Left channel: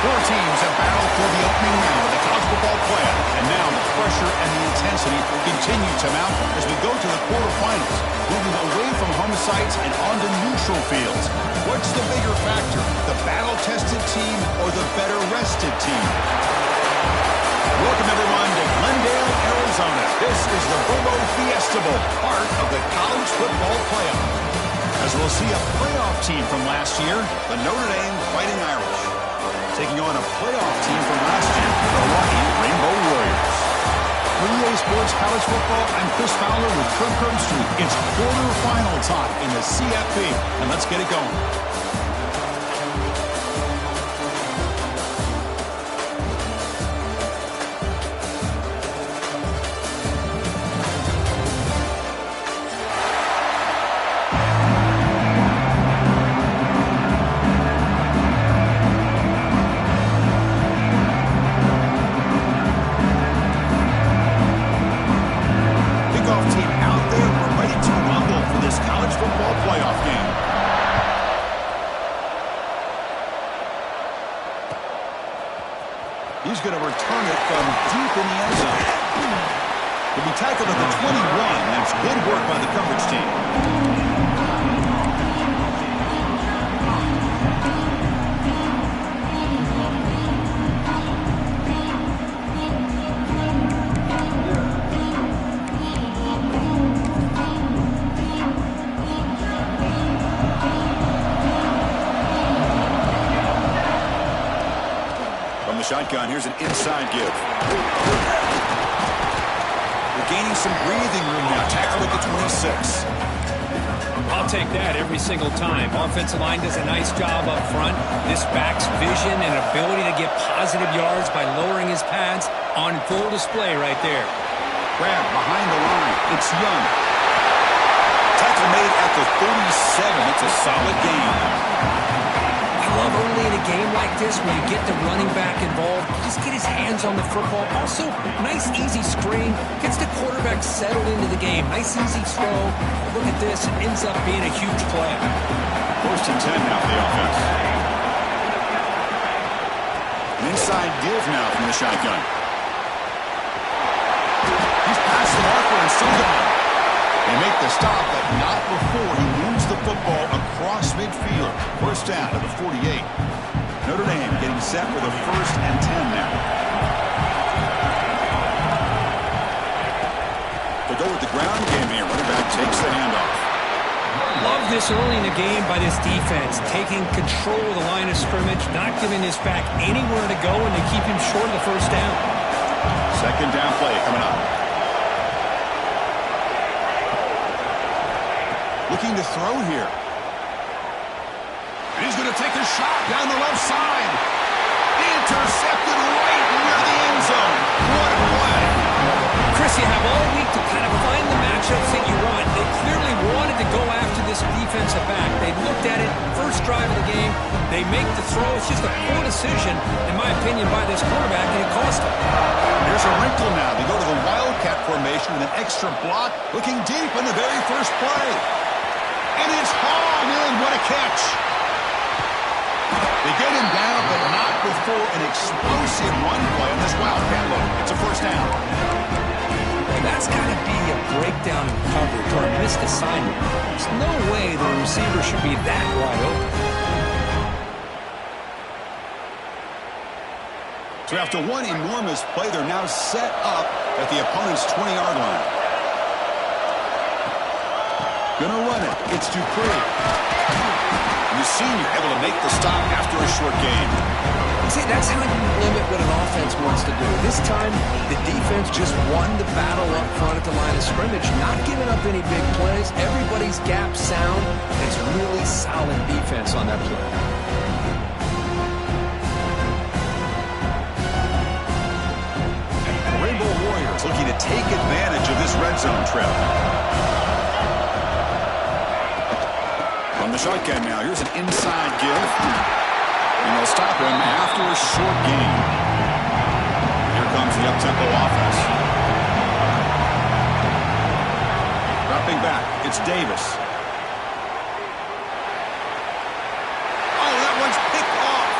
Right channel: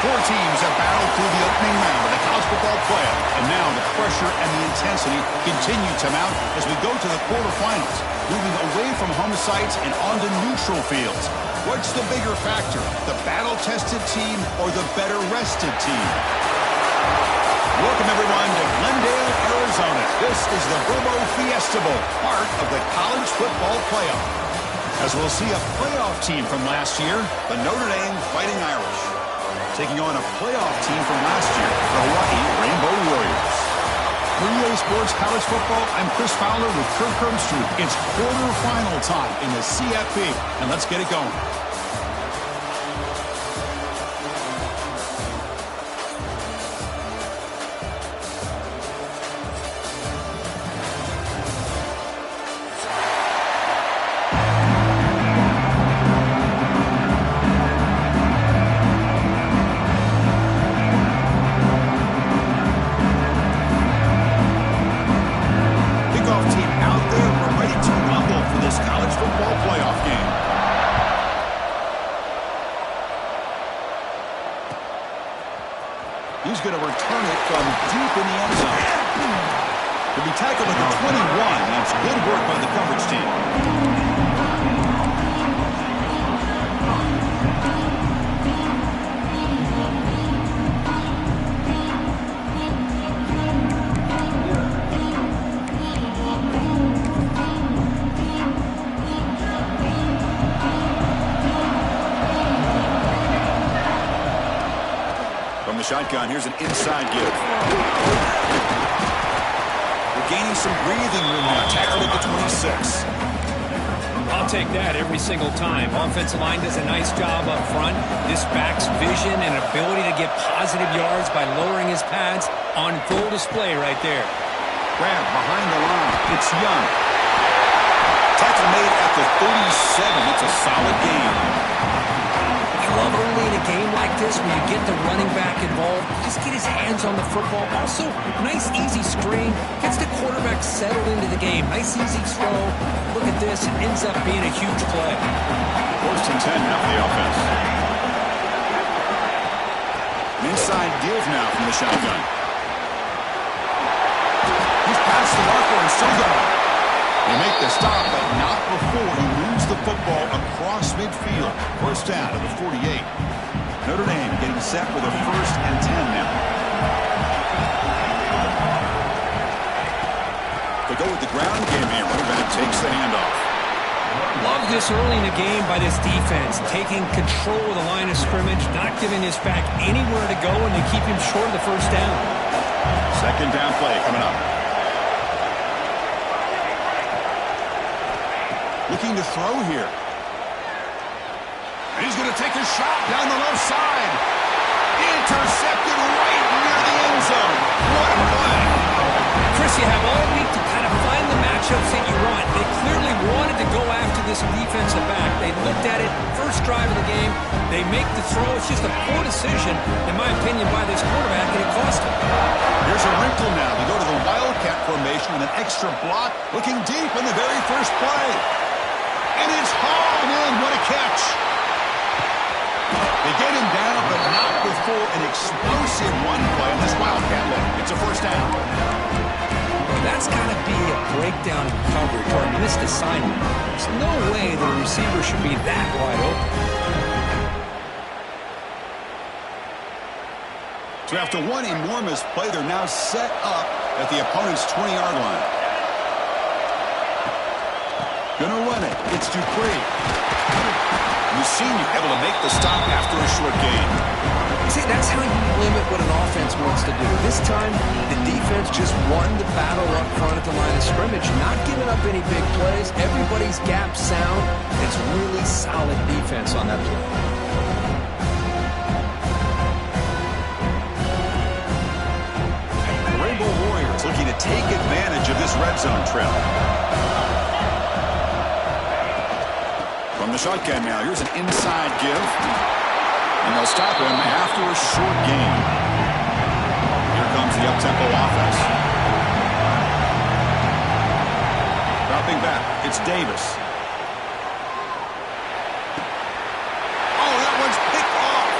Four teams have battled through the opening round of the college football playoff, and now the pressure and the intensity continue to mount as we go to the quarterfinals, moving away from home sites and onto neutral fields. What's the bigger factor, the battle-tested team or the better-rested team? Welcome, everyone, to Glendale, Arizona. This is the Verbo Fiesta Bowl, part of the college football playoff. As we'll see a playoff team from last year, the Notre Dame Fighting Irish, taking on a playoff team from last year, the Hawaii Rainbow Warriors. For EA Sports College Football, I'm Chris Fowler with Kirk Herbstreit. It's quarterfinal time in the CFP, and let's get it going. He's going to return it from deep in the end zone. To be tackled at the 21. That's good work by the coverage team. Shotgun. Here's an inside give. We're gaining some breathing room now. Tackled at the 26. I'll take that every single time. Offensive line does a nice job up front. This back's vision and ability to get positive yards by lowering his pads on full display right there. Grab behind the line. It's Young. Tackle made at the 37. It's a solid gain. I love early in a game like this where you get the running back involved. You just get his hands on the football. Also, nice, easy screen. Gets the quarterback settled into the game. Nice, easy throw. Look at this. It ends up being a huge play. 1st and 10 now for the offense. An inside give now from the shotgun. He's past the marker and still going. They make the stop, but not before he moves the football across midfield. 1st down to the 48. Notre Dame getting set with a 1st and 10 now. They'll go with the ground game here. Running back takes the handoff. Love this early in the game by this defense. Taking control of the line of scrimmage, not giving this back anywhere to go, and they keep him short of the 1st down. 2nd down play coming up. Looking to throw here. He's going to take a shot down the left side. Intercepted right near the end zone. What a play. Chris, you have all week to kind of find the matchups that you want. They clearly wanted to go after this defensive back. They looked at it, first drive of the game. They make the throw. It's just a poor decision, in my opinion, by this quarterback, and it cost him. Here's a wrinkle now. They go to the Wildcat formation with an extra block, looking deep in the very first play. And it's hauled in. What a catch. They get him down, but not before an explosive run play on this Wildcat look. It's a 1st down. Well, that's got to be a breakdown in coverage or a missed assignment. There's no way the receiver should be that wide open. So after one enormous play, they're now set up at the opponent's 20-yard line. Gonna run it. It's Dupree. The senior able to make the stop after a short gain. See, that's how you limit what an offense wants to do. This time, the defense just won the battle up front at the line of scrimmage, not giving up any big plays. Everybody's gap sound. It's really solid defense on that play. The Rainbow Warriors looking to take advantage of this red zone trip. From the shotgun now, here's an inside give. And they'll stop him after a short gain. Here comes the up-tempo offense. Dropping back, it's Davis. Oh, that one's picked off.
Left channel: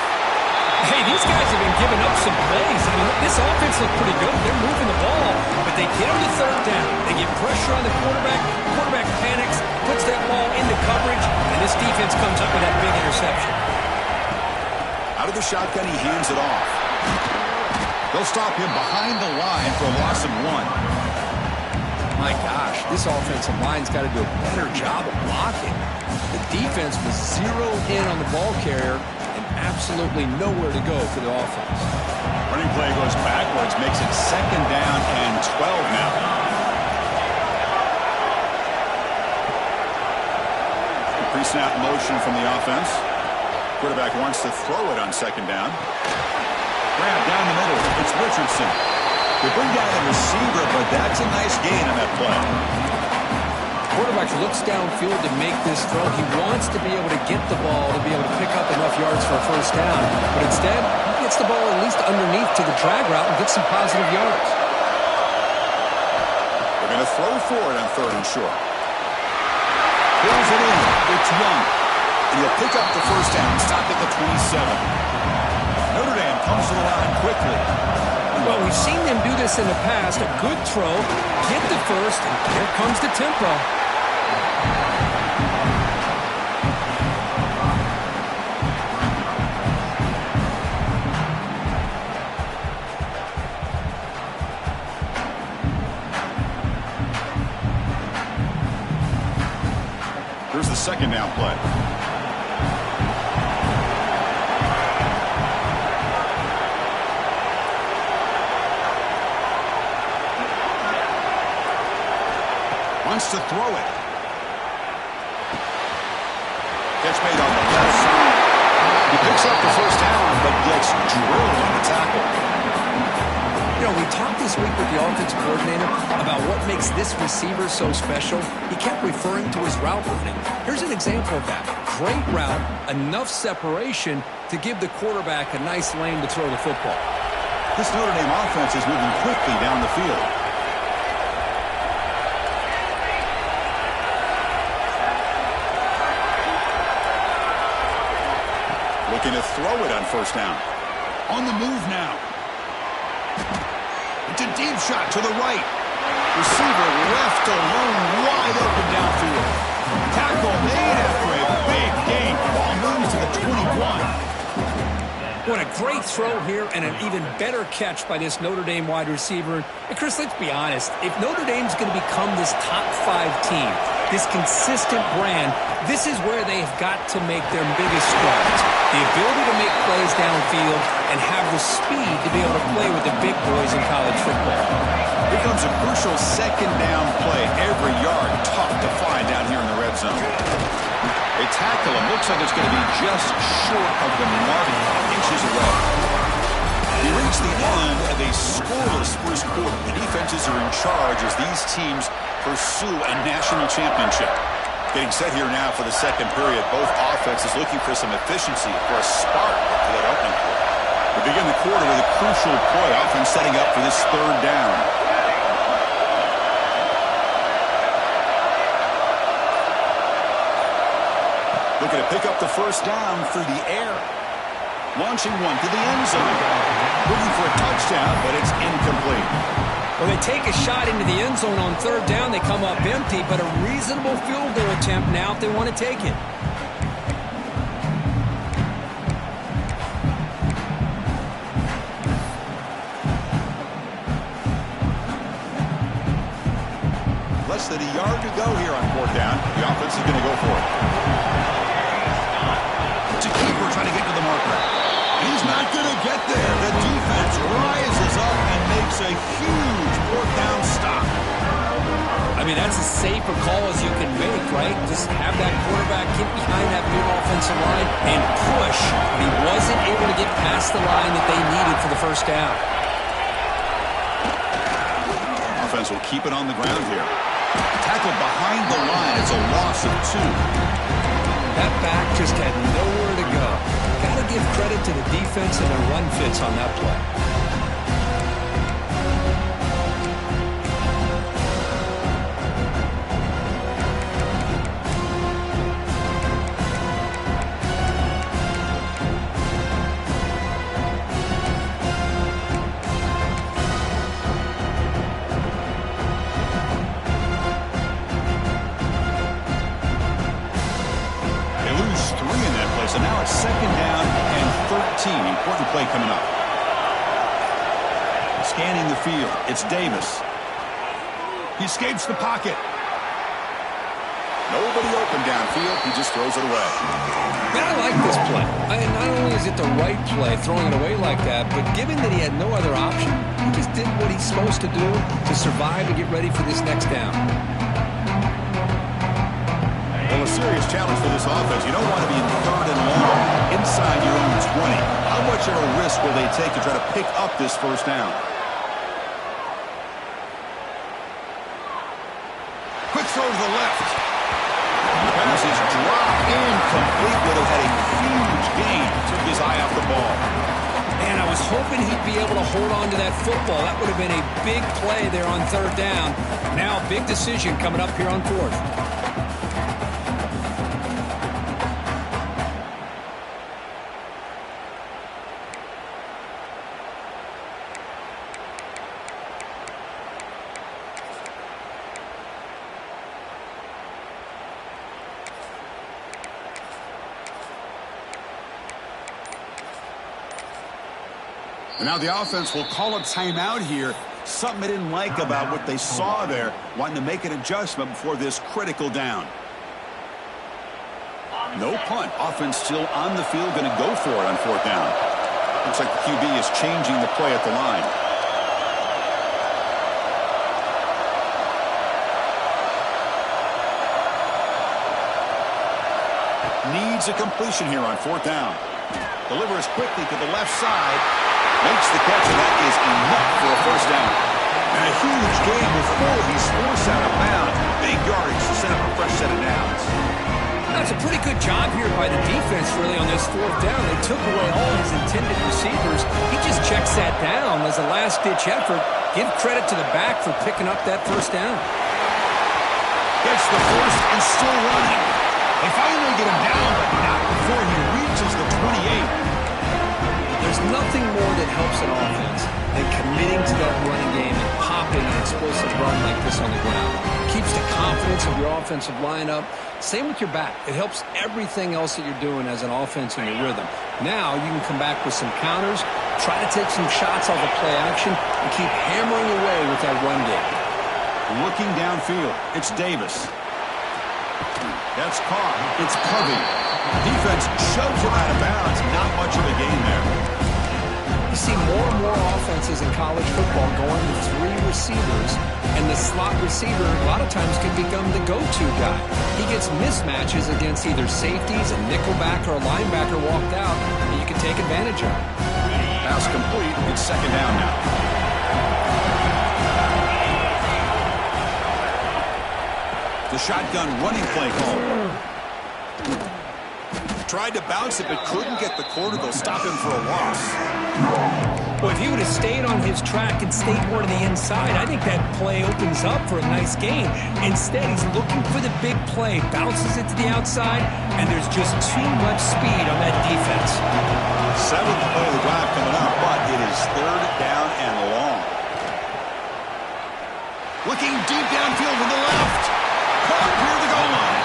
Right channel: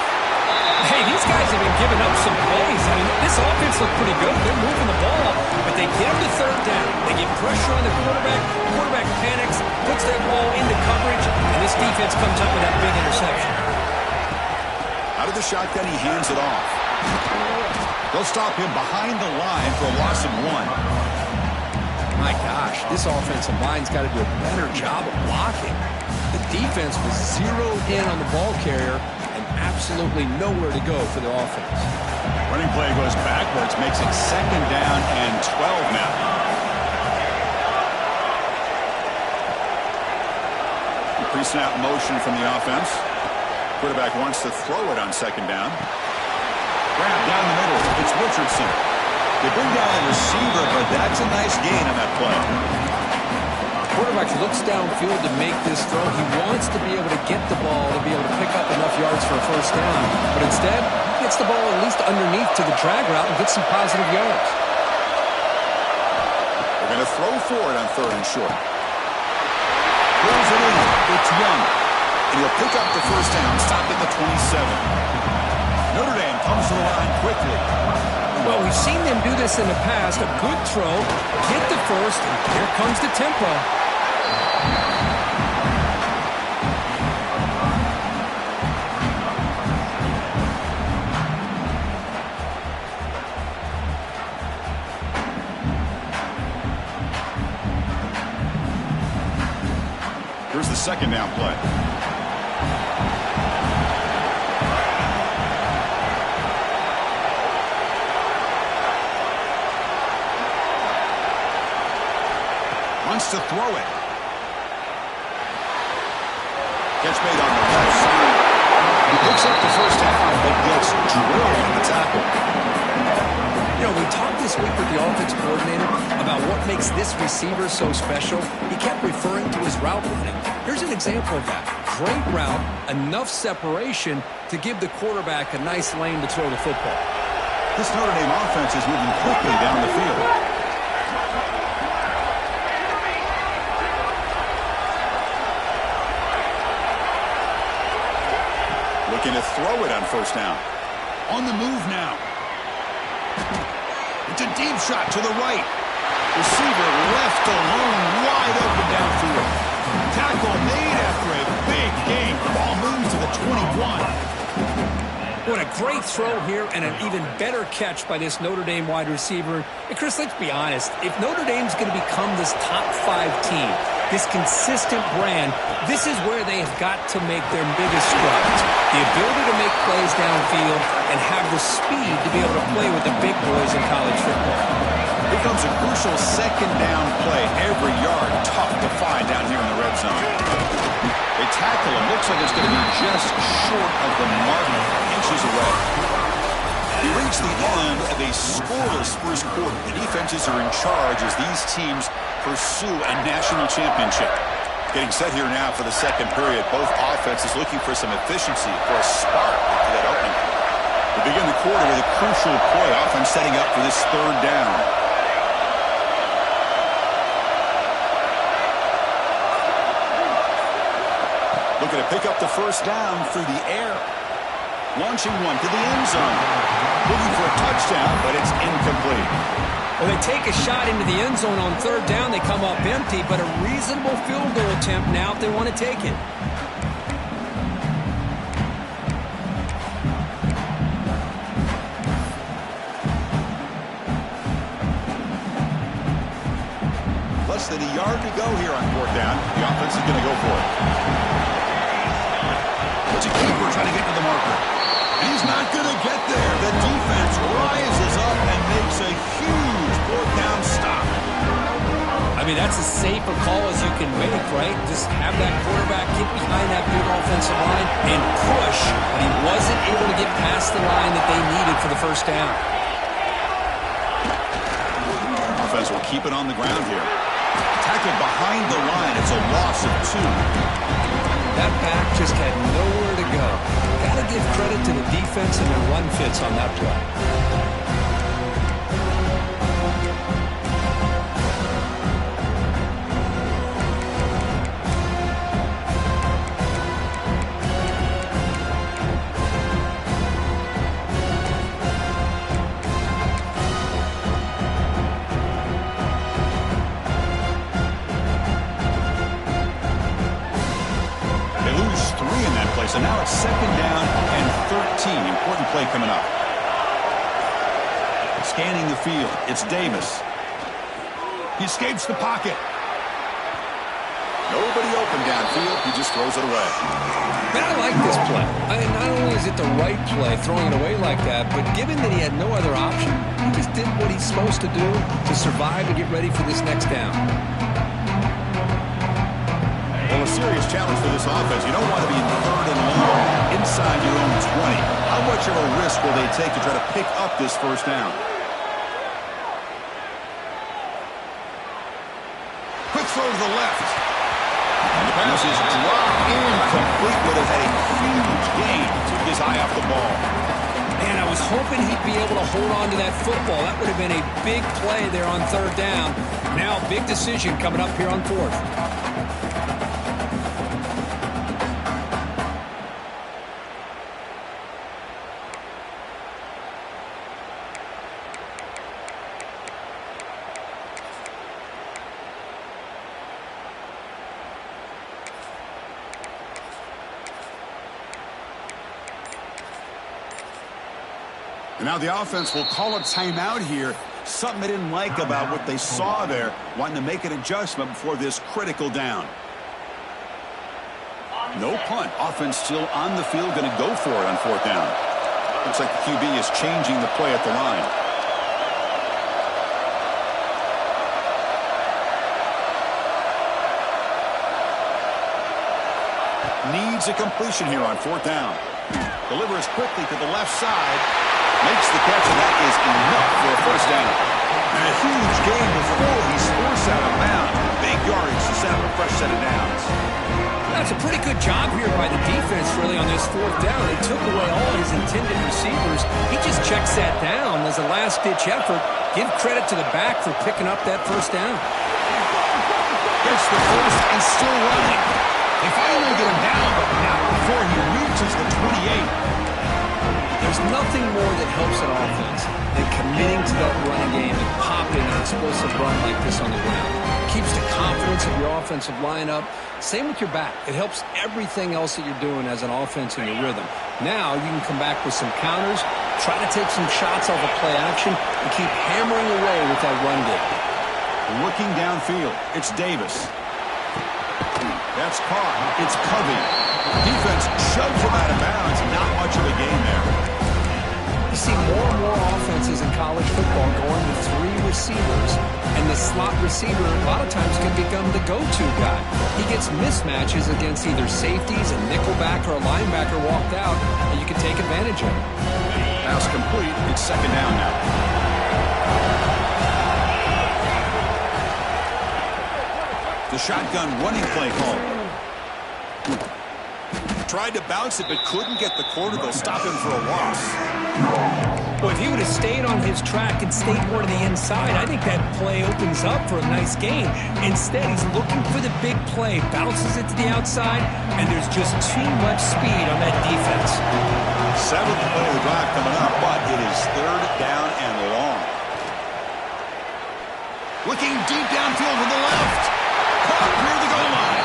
Hey, Hey, these guys have been giving up some plays. I mean, this offense looked pretty good. They're moving the ball, but they get them to third down. They get pressure on the quarterback. The quarterback panics, puts that ball into coverage, and this defense comes up with that big interception. Out of the shotgun, he hands it off. They'll stop him behind the line for a loss of 1. My gosh, this offensive line's got to do a better job of blocking. The defense was zeroed in on the ball carrier and absolutely nowhere to go for the offense. Running play goes backwards, makes it 2nd down and 12 now. Pre-snap motion from the offense. Quarterback wants to throw it on 2nd down. Grab down the middle. It's Richardson. They bring down the receiver, but that's a nice gain on that play. Quarterback looks downfield to make this throw. He wants to be able to get the ball to be able to pick up enough yards for a 1st down. But instead, he gets the ball at least underneath to the drag route and gets some positive yards. They're going to throw for it on 3rd and short. Pulls it in. It's Young. And he'll pick up the 1st down, stopped at the 27. Notre Dame comes to the line quickly. Well, we've seen them do this in the past. A good throw, get the 1st, and here comes the tempo. Here's the 2nd down play. Wants to throw it. Catch made on the left side. He picks up the 1st down, but gets drilled on the tackle. You know, we talked this week with the offense coordinator about what makes this receiver so special. He kept referring to his route running. Here's an example of that. Great route, enough separation to give the quarterback a nice lane to throw the football. This Notre Dame offense is moving quickly down the field. Looking to throw it on 1st down. On the move now. It's a deep shot to the right. Receiver left alone, wide open downfield. Tackle made after a big gain. Ball moves to the 21. What a great throw here and an even better catch by this Notre Dame wide receiver. And Chris, let's be honest. If Notre Dame's going to become this top 5 team, this consistent brand, this is where they have got to make their biggest strides. The ability to make plays downfield and have the speed to be able to play with the big boys in college football. Here comes a crucial 2nd down play. Every yard tough to find down here in the red zone. They tackle him. Looks like it's going to be just short of the mark, inches away. We reach the end of a scoreless 1st quarter. The defenses are in charge as these teams pursue a national championship. Getting set here now for the 2nd period. Both offenses looking for some efficiency, for a spark to that opening quarter. We begin the quarter with a crucial play. Offense setting up for this 3rd down. Looking to pick up the 1st down through the air. Launching one to the end zone. Looking for a touchdown, but it's incomplete. Well, they take a shot into the end zone on 3rd down. They come up empty, but a reasonable field goal attempt now if they want to take it. Less than a yard to go here on 4th down. The offense is going to go for it. It's a keeper trying to get to the marker. He's not going to get there. The defense rises up and makes a huge 4th down stop. I mean, that's as safe a call as you can make, right? Just have that quarterback get behind that big offensive line and push, but he wasn't able to get past the line that they needed for the 1st down. Offense will keep it on the ground here. Tackled behind the line. It's a loss of 2. That back just had nowhere to go. Got to give credit to the defense and their run fits on that play. second down and 13. Important play coming up. Scanning the field. It's Davis. He escapes the pocket. Nobody open downfield. He just throws it away. Man, I like this play. Not only is it the right play, throwing it away like that, but given that he had no other option, he just did what he's supposed to do to survive and get ready for this next down. Well, a serious challenge for this offense. You don't want to be in third and long inside your own 20. How much of a risk will they take to try to pick up this first down? Quick throw to the left. And the pass is dropped incomplete. Would have had a huge gain. Took his eye off the ball. Man, I was hoping he'd be able to hold on to that football. That would have been a big play there on third down. Now, big decision coming up here on fourth. And now the offense will call a timeout here. Something they didn't like about what they saw there. Wanting to make an adjustment before this critical down. No punt. Offense still on the field. Going to go for it on fourth down. Looks like the QB is changing the play at the line. Needs a completion here on fourth down. Delivers quickly to the left side. Makes the catch, and that is enough for a first down. And a huge gain before he's forced out of bounds. Big yardage to set up a fresh set of downs. That's a pretty good job here by the defense, really, on this fourth down. They took away all his intended receivers. He just checks that down as a last-ditch effort. Give credit to the back for picking up that first down. Gets the first and still running. They finally get him down, but not before he reaches the 28. There's nothing more that helps an offense than committing to that running game and popping an explosive run like this on the ground. Keeps the confidence of your offensive lineup. Same with your back. It helps everything else that you're doing as an offense in your rhythm. Now you can come back with some counters, try to take some shots off of play action, and keep hammering away with that run game. Looking downfield, it's Davis. That's caught. It's Covey. Defense shoves him out of bounds. Not much of a gain there. You see more and more offenses in college football going with three receivers, and the slot receiver a lot of times can become the go-to guy. He gets mismatches against either safeties, a nickelback, or a linebacker walked out, and you can take advantage of it. Pass complete. It's second down now. The shotgun running play called. Tried to bounce it, but couldn't get the corner. They'll stop him for a loss. Well, if he would have stayed on his track and stayed more to the inside, I think that play opens up for a nice gain. Instead, he's looking for the big play, bounces it to the outside, and there's just too much speed on that defense. Seventh play of the drive coming up, but it is third down and long. Looking deep downfield to the left. Caught near the goal line.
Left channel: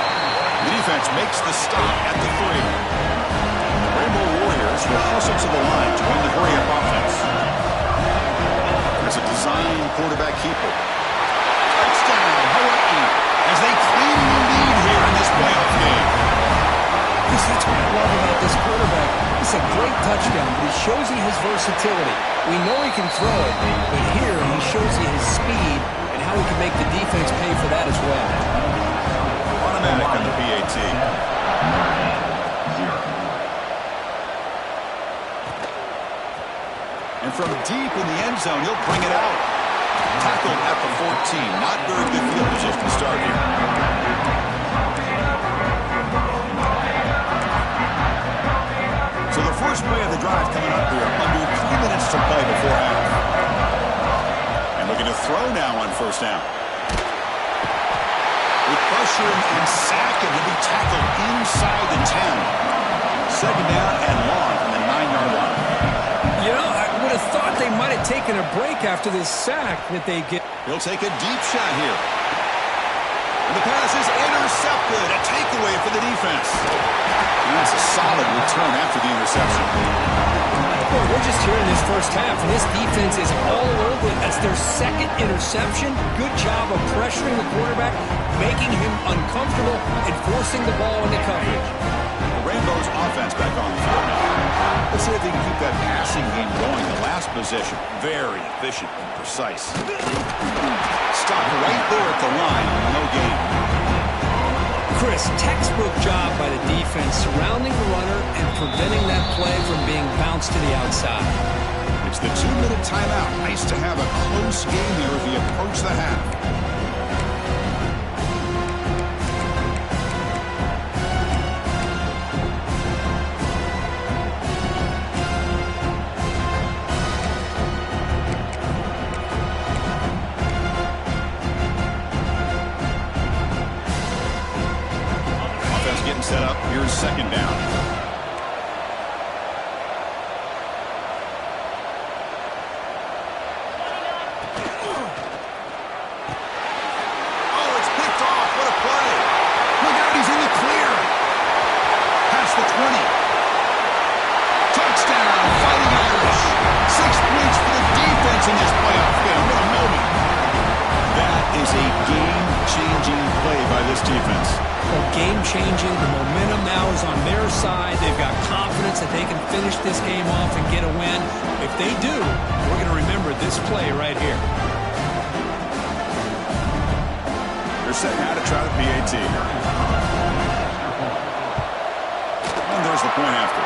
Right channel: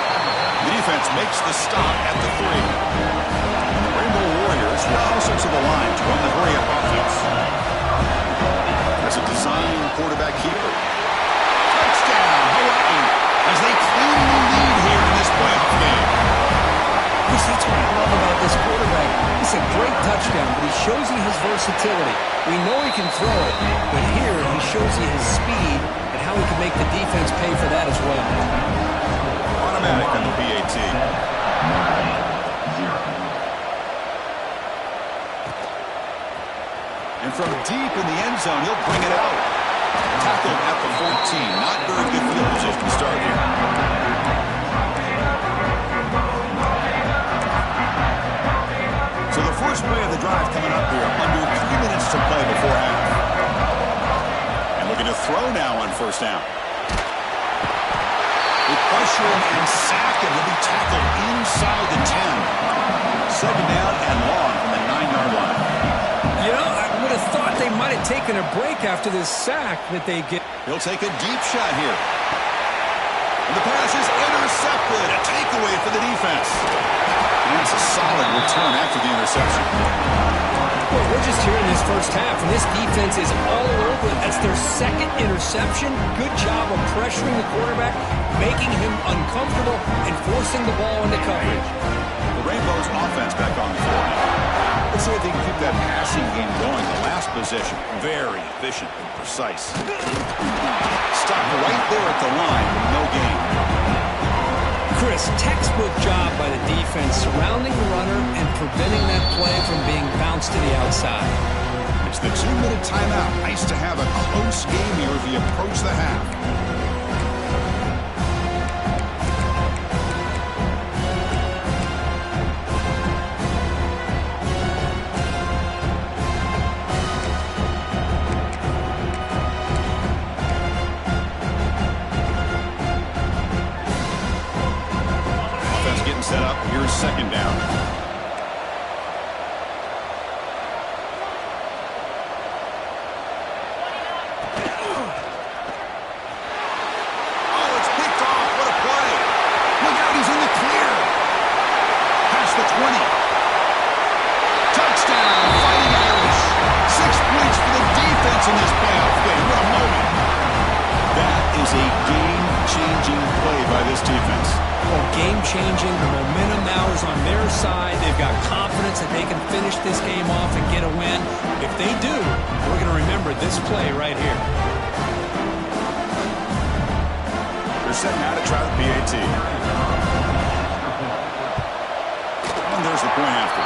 The defense makes the stop at the 3. And the Rainbow Warriors will also to the line to run the hurry-up offense. There's a design quarterback keeper. Touchdown, Hawaii, as they claim the lead here in this playoff game. Chris, that's what I love about this quarterback. It's a great touchdown, but he shows you his versatility. We know he can throw it, but here he shows you his speed and how he can make the defense pay for that as well. Automatic on the PAT. And from deep in the end zone, he'll bring it out. Tackled at the 14. Not very good field position to start here. So the first play of the drive coming up here. Under 3 minutes to play before half. And looking to throw now on first down. They pressure him and sack him. He'll be tackled inside the 10. Second down and long from the 9-yard line. You know, I would have thought they might have taken a break after this sack that they get. He'll take a deep shot here. And the pass is intercepted. A takeaway for the defense. And that's a solid return after the interception. Well, we're just here in this first half, and this defense is all over it. That's their second interception. Good job of pressuring the quarterback, making him uncomfortable, and forcing the ball into coverage. The Rainbows offense back on the field now. Let's see if they can keep that passing game going. The last possession, very efficient and precise. Stopped right there at the line, no gain. Chris, textbook job by the defense surrounding the runner and preventing that play from being bounced to the outside. It's the 2-minute timeout. Nice to have a close game here as we approach the half. Getting set up. Here's second down. Oh, it's picked off. What a play. Look out, he's in the clear. Past the 20. Touchdown, Fighting Irish. 6 points for the defense in this playoff game. What a moment. That is a game-changing play by this defense. Well, game-changing. The momentum now is on their side. They've got confidence that they can finish this game off and get a win. If they do, we're going to remember this play right here. They're setting out to try the PAT. And there's the point after.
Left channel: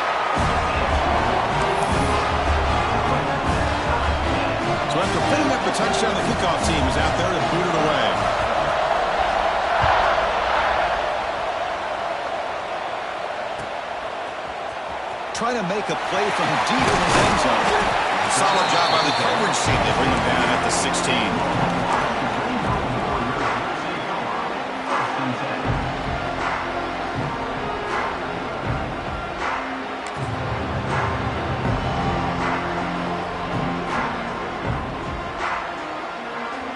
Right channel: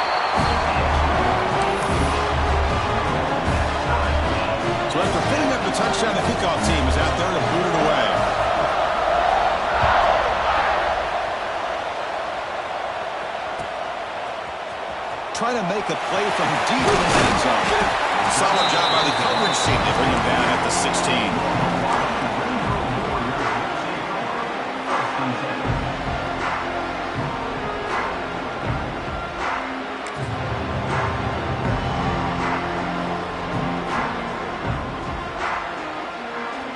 So after putting up the touchdown, the kickoff team is out there to boot it away. Try to make a play from deep in his end zone. Solid job by the coverage team. They bring him down at the 16.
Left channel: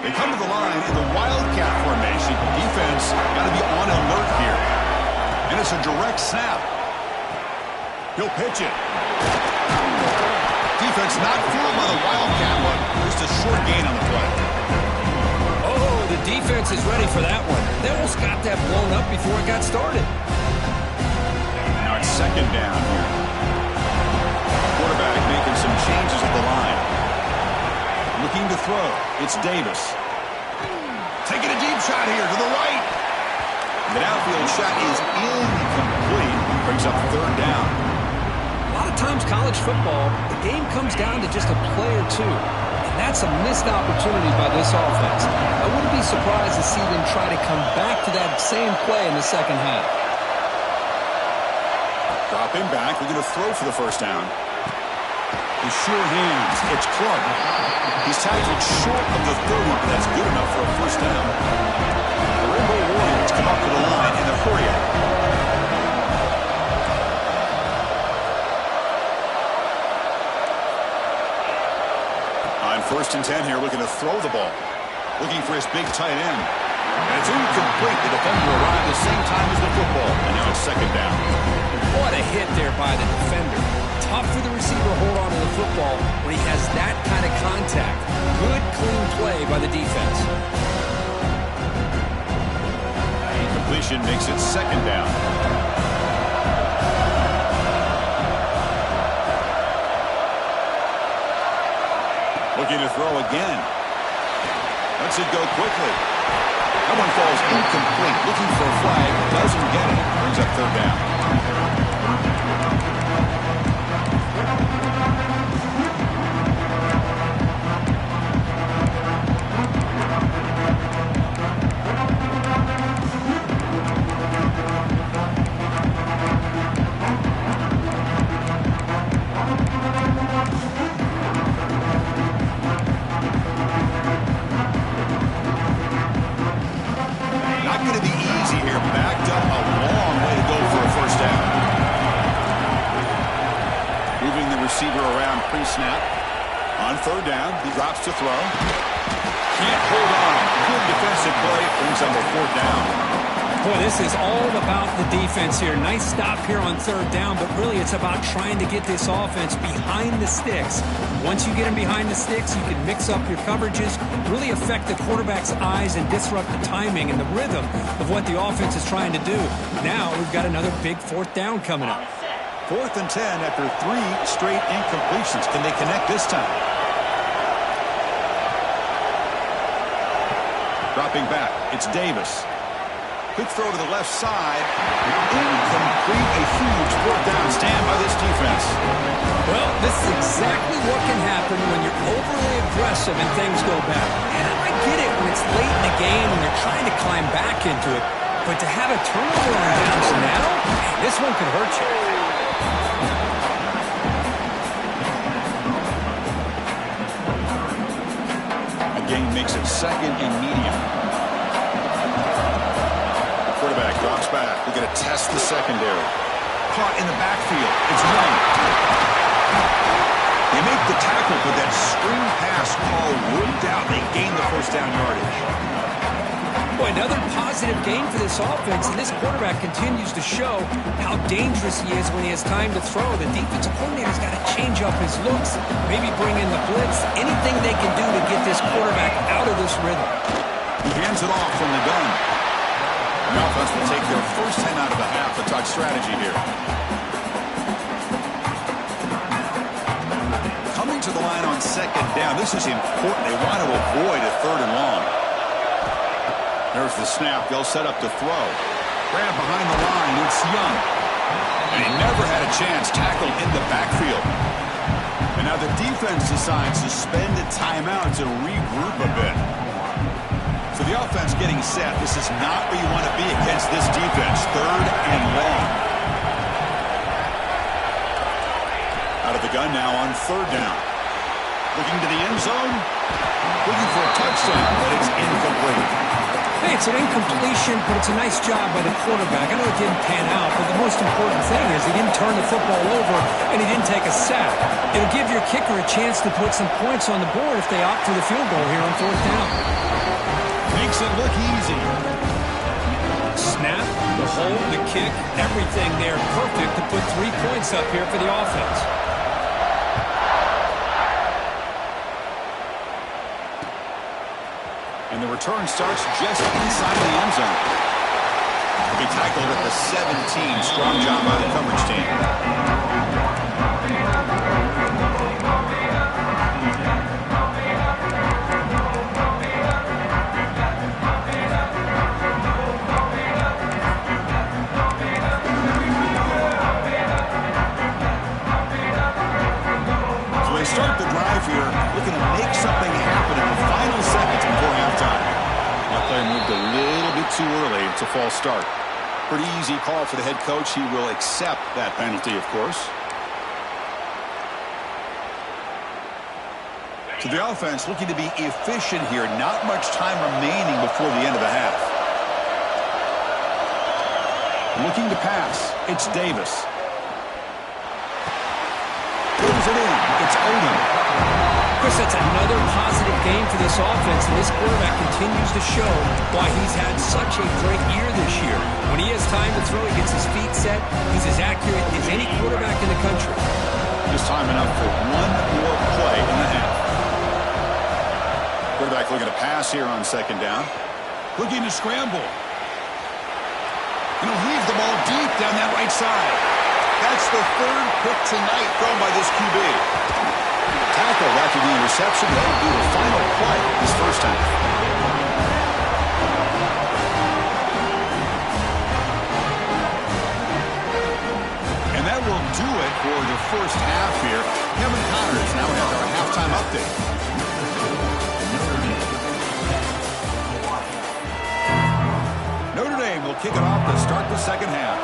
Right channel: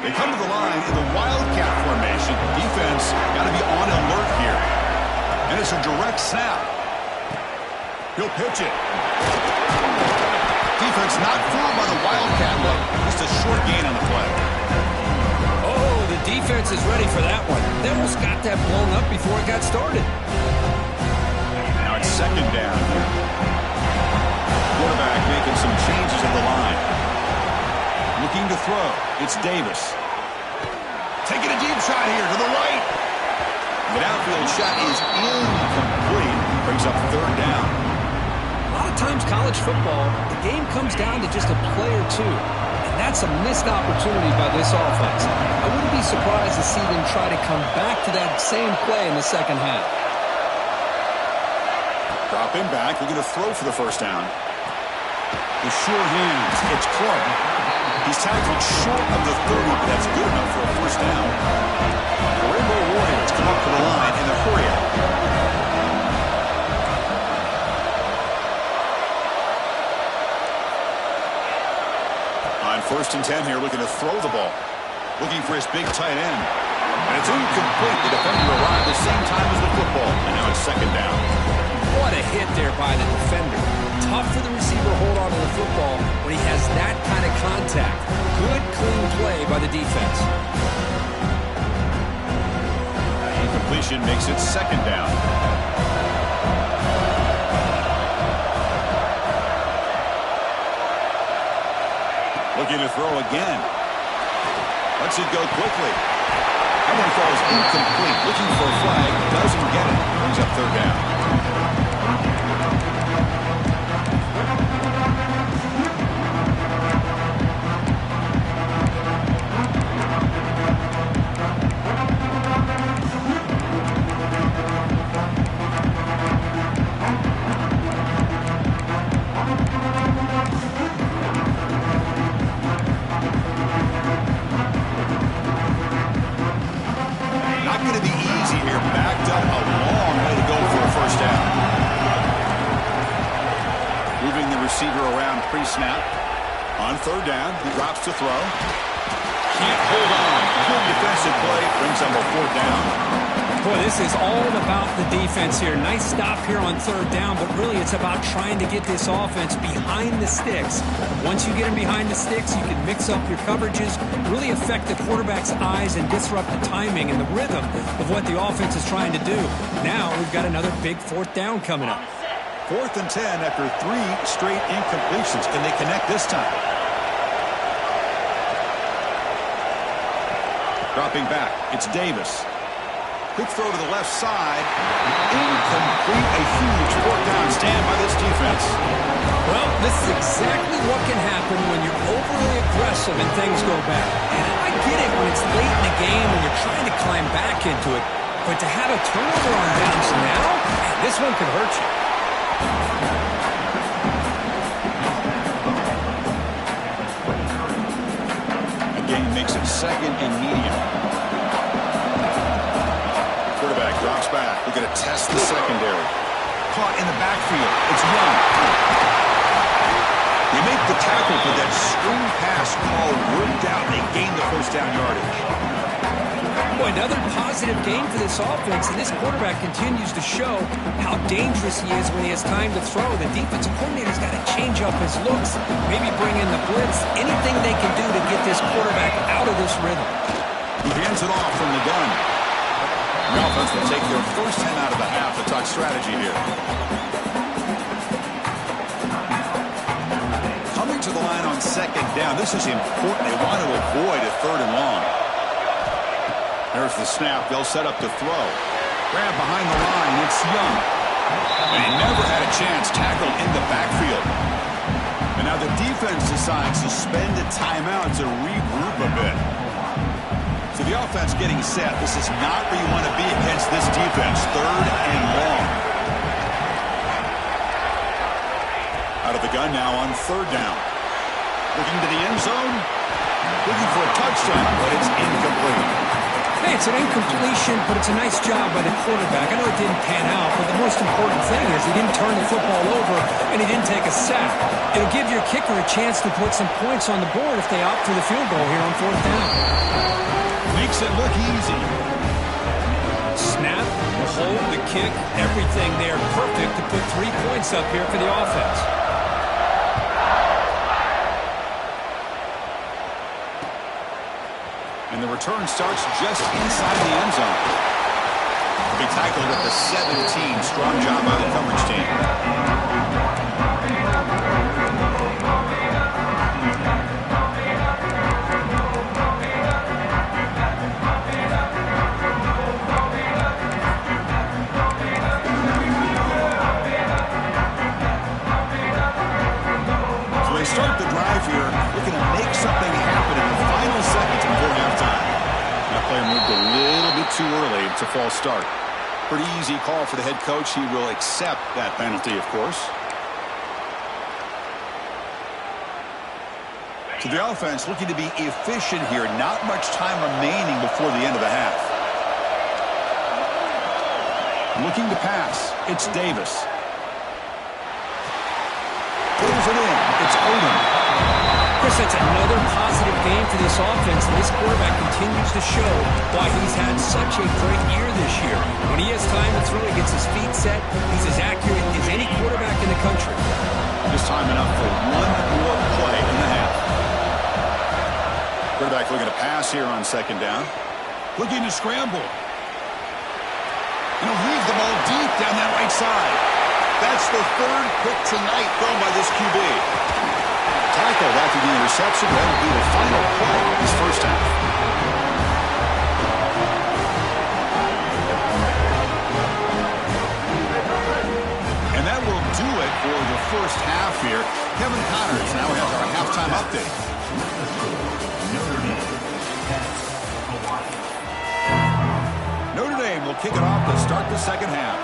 They come to the line in the Wildcat formation. Defense got to be on alert here. And it's a direct snap. He'll pitch it. Defense not fooled by the Wildcat one. Just a short gain on the play. Oh, the defense is ready for that one. They almost got that blown up before it got started. Now it's second down here. Quarterback making some changes at the line. Looking to throw. It's Davis. Taking a deep shot here to the right. The outfield shot is incomplete. Brings up third down. A lot of times college football, the game comes down to just a play or two. And that's a missed opportunity by this offense. I wouldn't be surprised to see them try to come back to that same play in the second half. Drop him back. We're going to throw for the first down. The sure hands. It's Clark. He's tackled short of the 30, but that's good enough for a first down. The Rainbow Warriors come up to the line in the hurry up. On 1st and 10 here, looking to throw the ball. Looking for his big tight end. And it's incomplete. The defender arrived the same time as the football. And now it's second down. What a hit there by the defender. Tough for the receiver to hold on to the football when he has that kind of contact. Good, clean play by the defense. Incompletion makes it second down. Looking to throw again. Lets it go quickly. That one falls incomplete. Looking for a flag. Doesn't get it. Brings up third down. Receiver around pre-snap. On third down, he drops to throw. Can't hold on. Good defensive play. Brings up a fourth down. Boy, this is all about the defense here. Nice stop here on third down, but really it's about trying to get this offense behind the sticks. Once you get them behind the sticks, you can mix up your coverages, really affect the quarterback's eyes and disrupt the timing and the rhythm of what the offense is trying to do. Now we've got another big fourth down coming up. 4th and 10 after 3 straight incompletions. Can they connect this time? Dropping back, it's Davis. Quick throw to the left side. Incomplete. A huge 4th down stand by this defense. Well, this is exactly what can happen when you're overly aggressive and things go bad. And I get it when it's late in the game and you're trying to climb back into it. But to have a turnover on downs now, man, this one could hurt you. A gain makes it 2nd and medium. Quarterback drops back. We're going to test the secondary. Caught in the backfield. It's Young. They make the tackle, but that screen pass call worked out. They gain the 1st down yardage. Boy, another positive gain for this offense, and this quarterback continues to show how dangerous he is when he has time to throw. The defensive coordinator's got to change up his looks, maybe bring in the blitz, anything they can do to get this quarterback out of this rhythm. He hands it off from the gun. The offense will take their first 10 out of the half. A touch strategy here. Coming to the line on 2nd down. This is important. They want to avoid a 3rd and long. There's the snap. They'll set up to throw. Grab behind the line. It's Young. And he never had a chance. Tackled in the backfield. And now the defense decides to spend a timeout to regroup a bit. So the offense getting set. This is not where you want to be against this defense. 3rd and long. Out of the gun now on 3rd down. Looking to the end zone. Looking for a touchdown, but it's incomplete. Hey, it's an incompletion, but it's a nice job by the quarterback. I know it didn't pan out, but the most important thing is he didn't turn the football over and he didn't take a sack. It'll give your kicker a chance to put some points on the board if they opt for the field goal here on 4th down. Makes it look easy. Snap, the hold, the kick, everything there perfect to put 3 points up here for the offense. And the return starts just inside the end zone. He'll be tackled at the 17. Strong job by the coverage team. So they start the drive here, looking to make something happen in the final seconds before halftime. That player moved a little bit too early. It's a false start. Pretty easy call for the head coach. He will accept that penalty, of course. So the offense looking to be efficient here. Not much time remaining before the end of the half. Looking to pass. It's Davis. Throws it in. It's Odom. Chris, that's another positive game for this offense, and this quarterback continues to show why he's had such a great year this year. When he has time to throw, he gets his feet set. He's as accurate as any quarterback in the country. Just time enough for one more play in the half. Quarterback looking to pass here on 2nd down. Looking to scramble. And he'll leave the ball deep down that right side. That's the 3rd pick tonight thrown by this QB. Tackled after the interception. That'll be the final play of this first half. And that will do it for the first half here. Kevin Connors now has our halftime update. Notre Dame will kick it off to start the second half.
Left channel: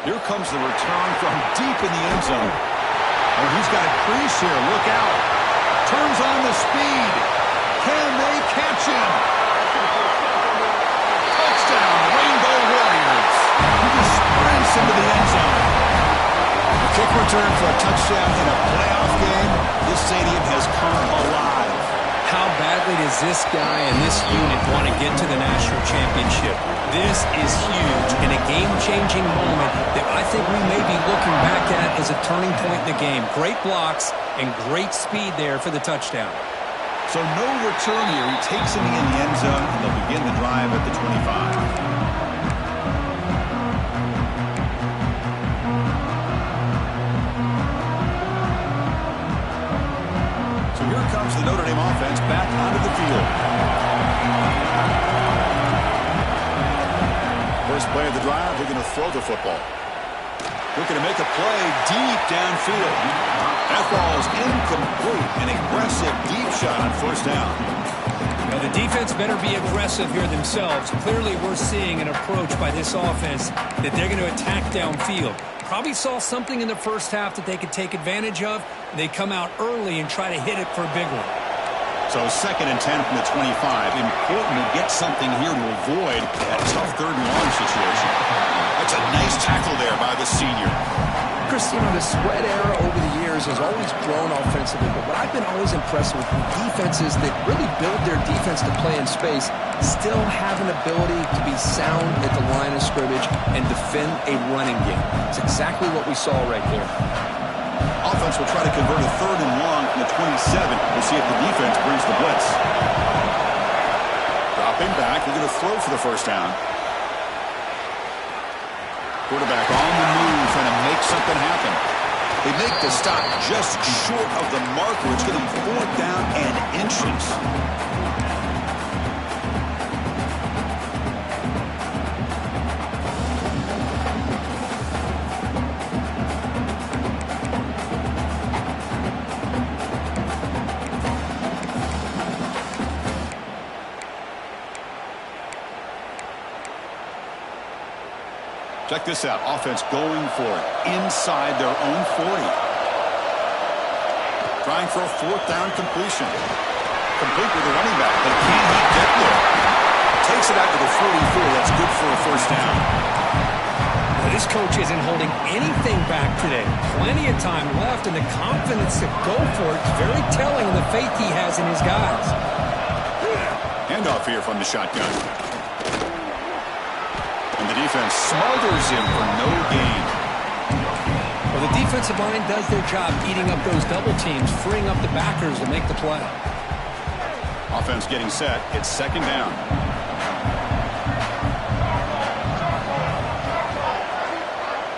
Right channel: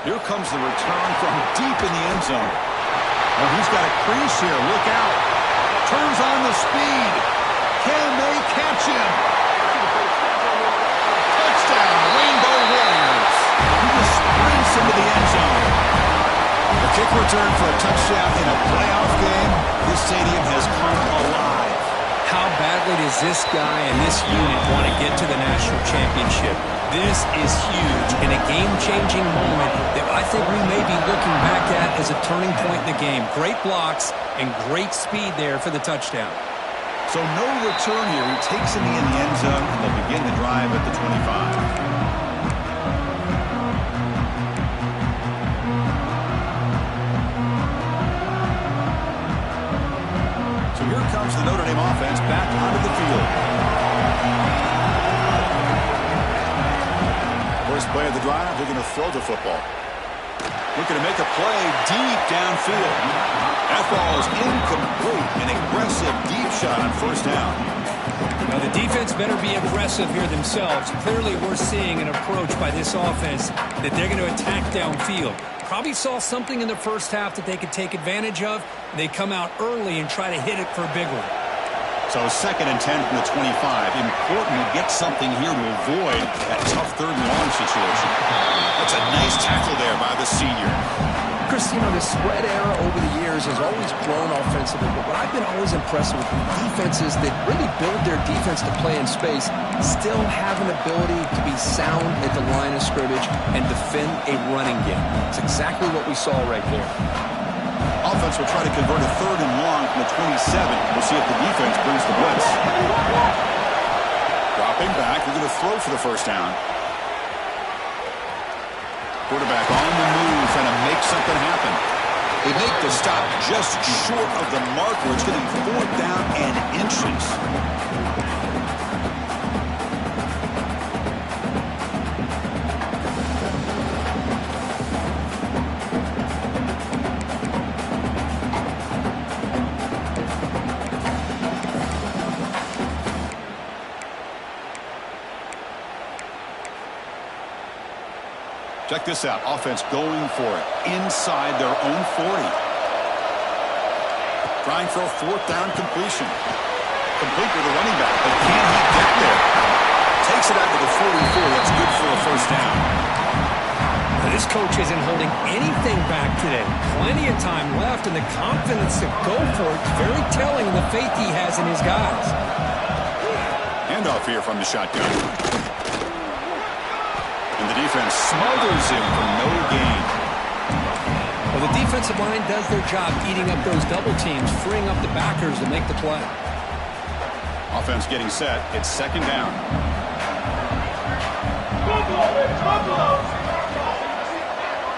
Here comes the return from deep in the end zone. Oh, he's got a crease here. Look out. Turns on the speed. Can they catch him? Touchdown, Rainbow Warriors. He just sprints into the end zone. The Kick return for a touchdown in a playoff game. This stadium has come alive. How badly does this guy and this unit want to get to the national championship? This is huge and a game-changing moment that I think we may be looking back at as a turning point in the game. Great blocks and great speed there for the touchdown. So no return here. He takes it in the end zone, and they'll begin the drive at the 25. Here comes the Notre Dame offense back onto the field. First play of the drive, they're going to throw the football. Looking to make a play deep downfield. That ball is incomplete. An aggressive deep shot on first down. Now the defense better be aggressive here themselves. Clearly we're seeing an approach by this offense that they're going to attack downfield. Probably saw something in the first half that they could take advantage of. They come out early and try to hit it for a big one. So 2nd and 10 from the 25. Important to get something here to avoid that tough 3rd and long situation. That's a nice tackle there by the senior. Chris, you know, the spread era over the years has always grown offensively, but what I've been always impressed with defenses that really build their defense to play in space still have an ability to be sound at the line of scrimmage and defend a running game. It's exactly what we saw right there. Offense will try to convert a 3rd and long from the 27. We'll see if the defense brings the blitz. Dropping back, they're going to throw for the first down. Quarterback on the move, trying to make something happen. They make the stop just short of the marker. It's going to be 4th down and inches. Check this out. Offense going for it inside their own 40. Trying for a 4th down completion. Complete with the running back, but can he get there? Takes it out to the 44. That's good for a first down. Now, this coach isn't holding anything back today. Plenty of time left, and the confidence to go for it is very telling in the faith he has in his guys. Handoff here from the shotgun. And the defense smothers him for no gain. Well, the defensive line does their job eating up those double teams, freeing up the backers to make the play. Offense getting set. It's 2nd down.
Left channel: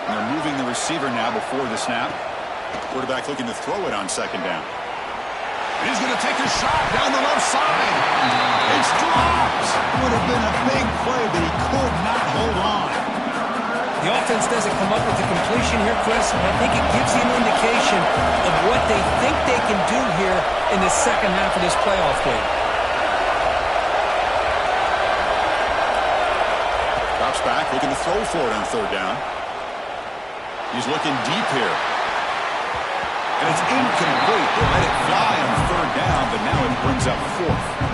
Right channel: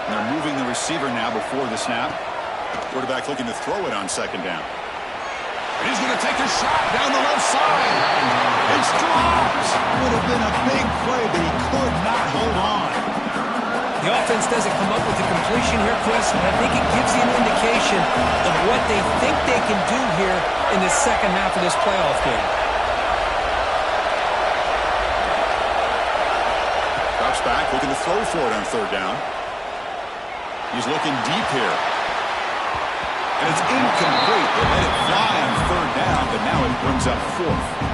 And they're moving the receiver now before the snap. Quarterback looking to throw it on 2nd down. And he's going to take a shot down the left side. It's dropped. Would have been a big play, but he could not hold on. The offense doesn't come up with the completion here, Chris, but I think it gives you an indication of what they think they can do here in the second half of this playoff game. Drops back, looking to throw for it on 3rd down. He's looking deep here. And it's incomplete. They let it fly on 3rd down, but now it brings up 4th.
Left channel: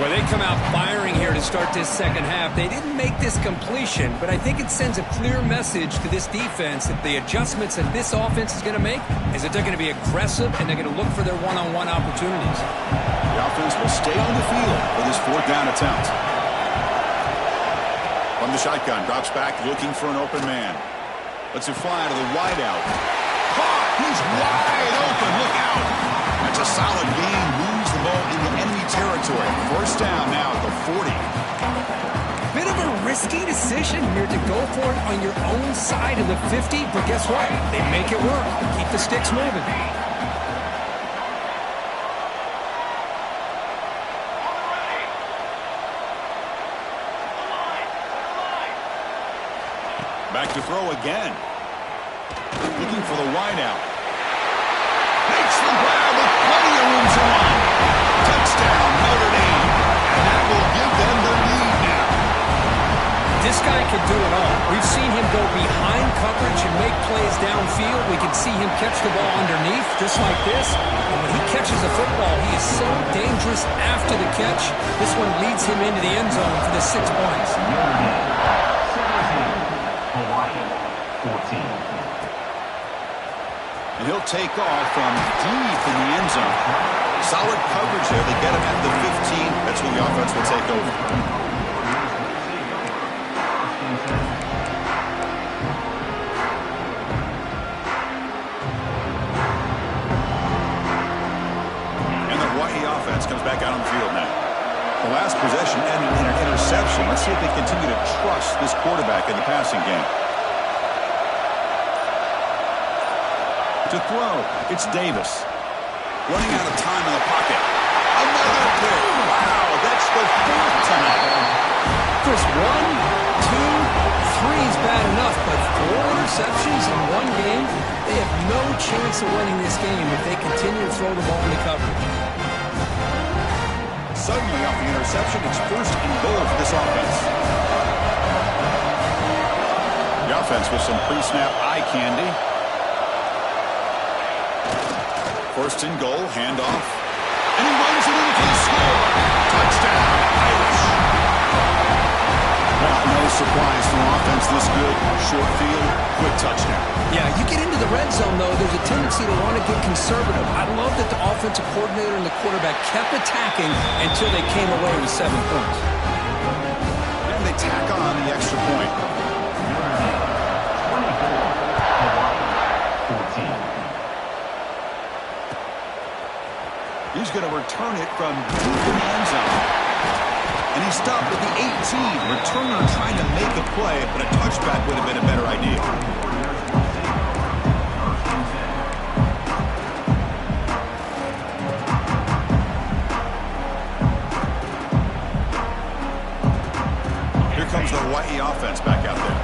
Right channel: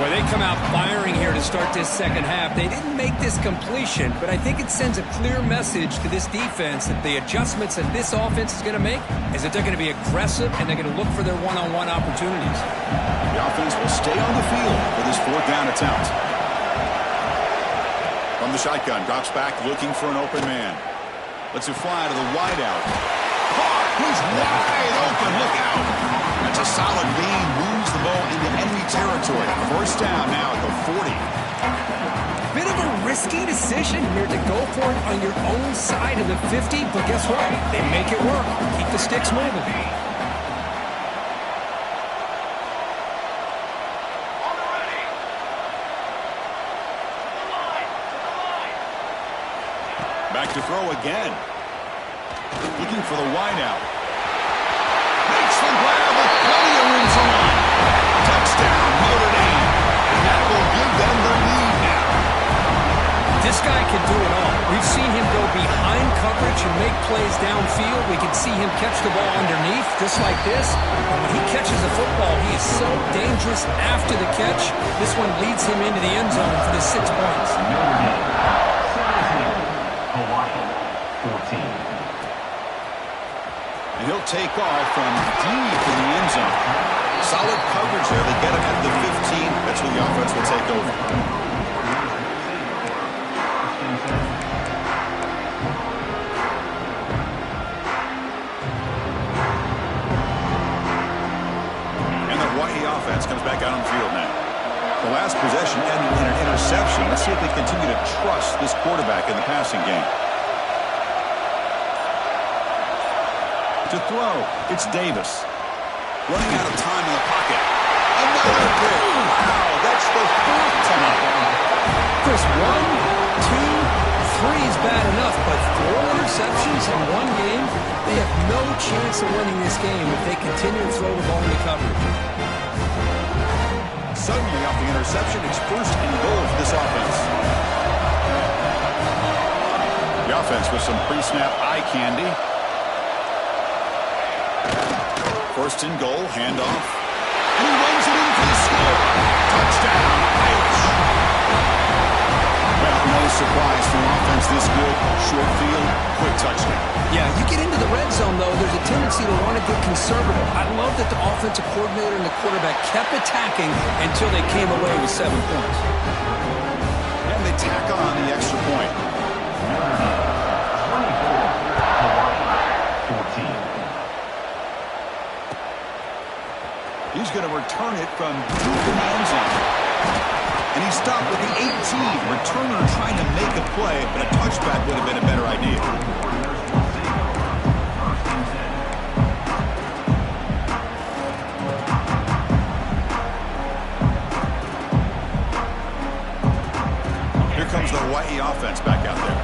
Well, they come out firing here to start this second half. They didn't make this completion, but I think it sends a clear message to this defense that the adjustments that this offense is going to make is that they're going to be aggressive and they're going to look for their one-on-one opportunities. The offense will stay on the field for this 4th down attempt. From the shotgun, drops back looking for an open man. Lets it fly to the wideout. Caught! He's wide open. Look out! That's a solid gain. Moves the ball into enemy territory. First down now at the 40. Bit of a risky decision here to go for it on your own side of the 50, but guess what? They make it work. Keep the sticks moving. Back to throw again. Looking for the wideout. Makes the grab with plenty of room to run. Touchdown, Notre Dame. And that will give them the lead now. This guy can do it all. We've seen him go behind coverage and make plays downfield. We can see him catch the ball underneath, just like this. And when he catches the football, he is so dangerous after the catch. This one leads him into the end zone for the 6 points. Notre Dame, 17. Hawaii, 14. And he'll take off from deep in the end zone. Solid coverage there. They get him at the 15. That's where the offense will take over. And the Hawaii offense comes back out on the field now. The last possession ended in an interception. Let's see if they continue to trust this quarterback in the passing game. To throw, it's Davis. Running out of time in the pocket. Another pick. Wow, that's the fourth tonight. Chris, 1, 2, 3 is bad enough, but 4 interceptions in one game, they have no chance of winning this game if they continue to throw the ball into coverage. Suddenly, off the interception, it's 1st and goal for this offense. The offense with some pre-snap eye candy. 1st and goal, handoff. And he runs it in for the score. Touchdown, Irish. Well, no surprise for an offense this good. Short field, quick touchdown. Yeah, you get into the red zone, though, there's a tendency to want to get conservative. I love that the offensive coordinator and the quarterback kept attacking until they came away with 7 points. And they tack on the extra point. 14. He's going to return it from deep in the end zone. And he stopped at the 18. Returner trying to make a play, but a touchback would have been a better idea. Here comes the Hawaii offense back out there.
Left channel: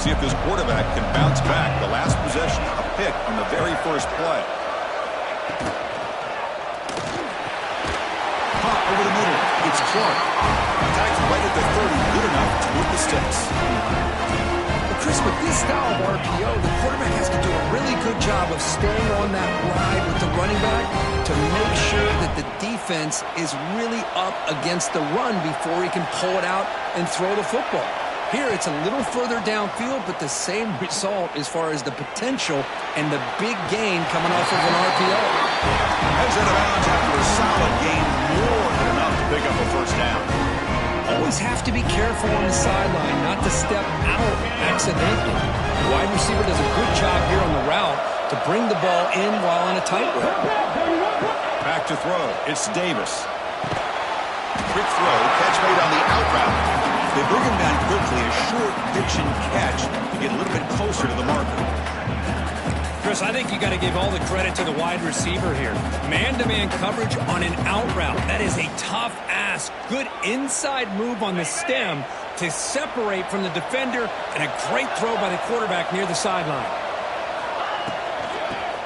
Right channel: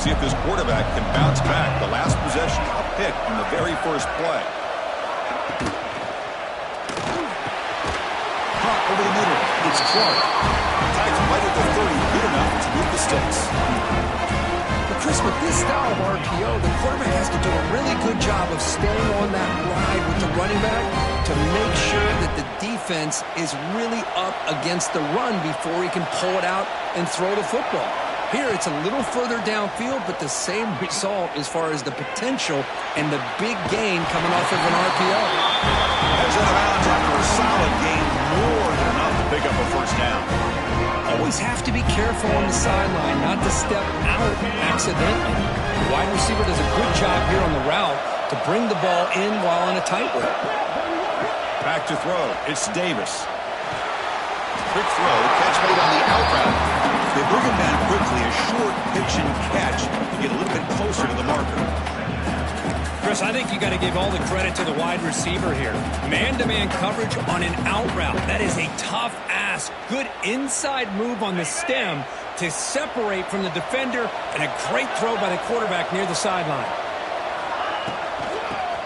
See if this quarterback can bounce back. The last possession, a pick on the very first play. Over the middle, it's Clark. Tags right at the 30, good enough to move the sticks. But Chris, with this style of RPO, the quarterback has to do a really good job of staying on that ride with the running back to make sure that the defense is really up against the run before he can pull it out and throw the football. Here, it's a little further downfield, but the same result as far as the potential and the big gain coming off of an RPO. Heads out of bounds after a solid gain, more than enough to pick up a first down. Always have to be careful on the sideline, not to step out accidentally. The wide receiver does a good job here on the route to bring the ball in while on a tightrope. Back to throw, it's Davis. Quick throw, catch made on the out route. They bring him down quickly, a short pitch and catch to get a little bit closer to the marker. Chris, I think you got to give all the credit to the wide receiver here. Man-to-man coverage on an out route. That is a tough ask. Good inside move on the stem to separate from the defender, and a great throw by the quarterback near the sideline.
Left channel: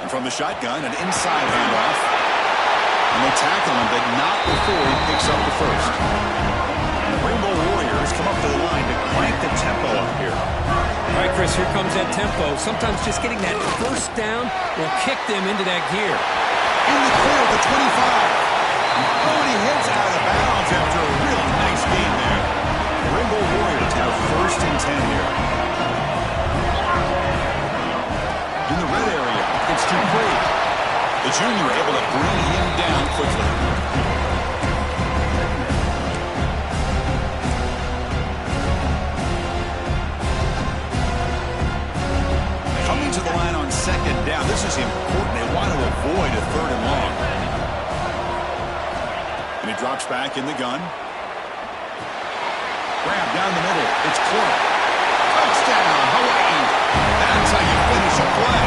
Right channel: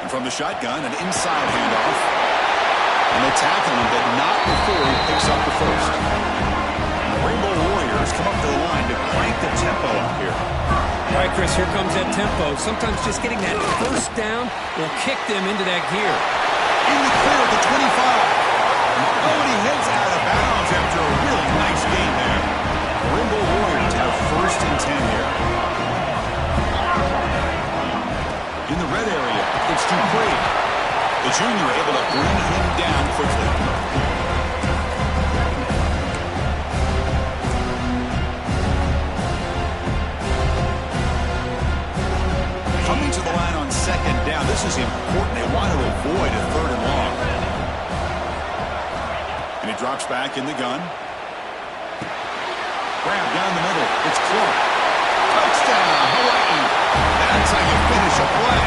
And from the shotgun, an inside handoff. And they tackle him, but not before he picks up the first. And the Rainbow Warriors come up to the line to crank the tempo up here. All right, Chris, here comes that tempo. Sometimes just getting that first down will kick them into that gear. In the clear at the 25. Oh, and he heads out of bounds after a really nice game there. The Rainbow Warriors have 1st and 10 here. In the red area, it's Dupree. The junior able to bring him down quickly. Coming to the line on 2nd down. This is important. They want to avoid a 3rd and long. And he drops back in the gun. Grab down the middle. It's Clark. Touchdown, Hawaii. That's how you finish a play.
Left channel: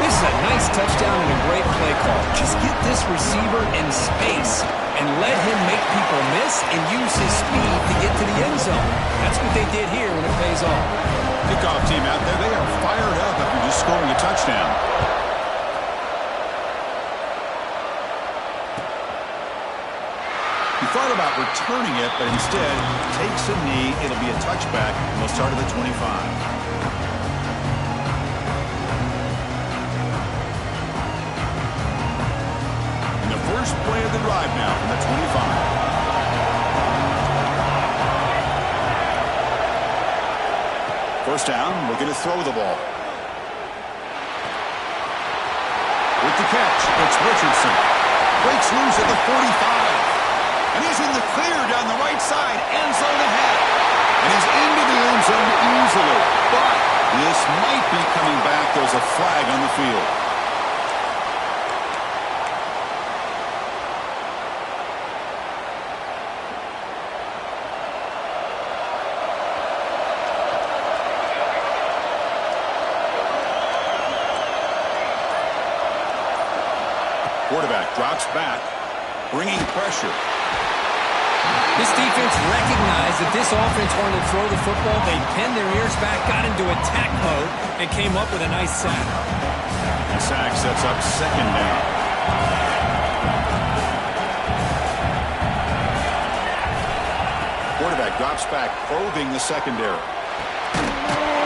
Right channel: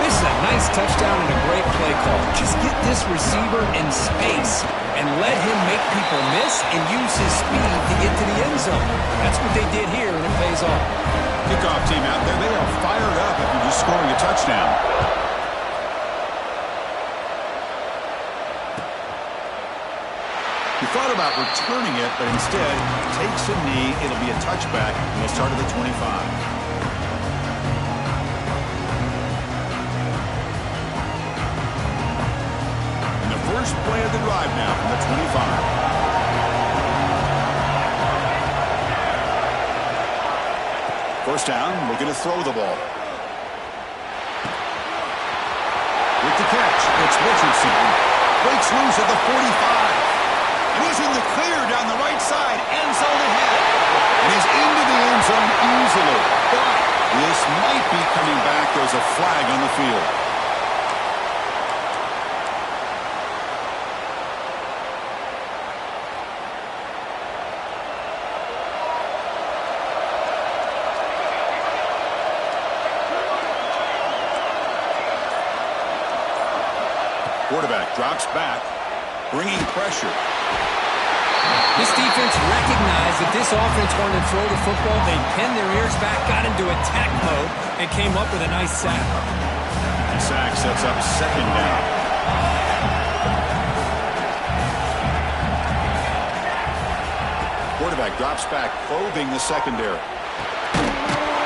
This is a nice touchdown and a great play call. Just get this receiver in space and let him make people miss and use his speed to get to the end zone. That's what they did here, and it pays off. Kickoff team out there, they are fired up after just scoring a touchdown. He thought about returning it, but instead takes a knee. It'll be a touchback, and they'll start at the 25. First play of the drive now from the 25. First down, looking to throw the ball. With the catch, it's Richardson. Breaks loose at the 45. And he's in the clear down the right side. End zone ahead. And he's into the end zone easily. But this might be coming back. There's a flag on the field. Quarterback drops back, bringing pressure. This defense recognized that this offense wanted to throw the football. They pinned their ears back, got into attack mode, and came up with a nice sack. And sack sets up second down. Quarterback drops back, probing the secondary.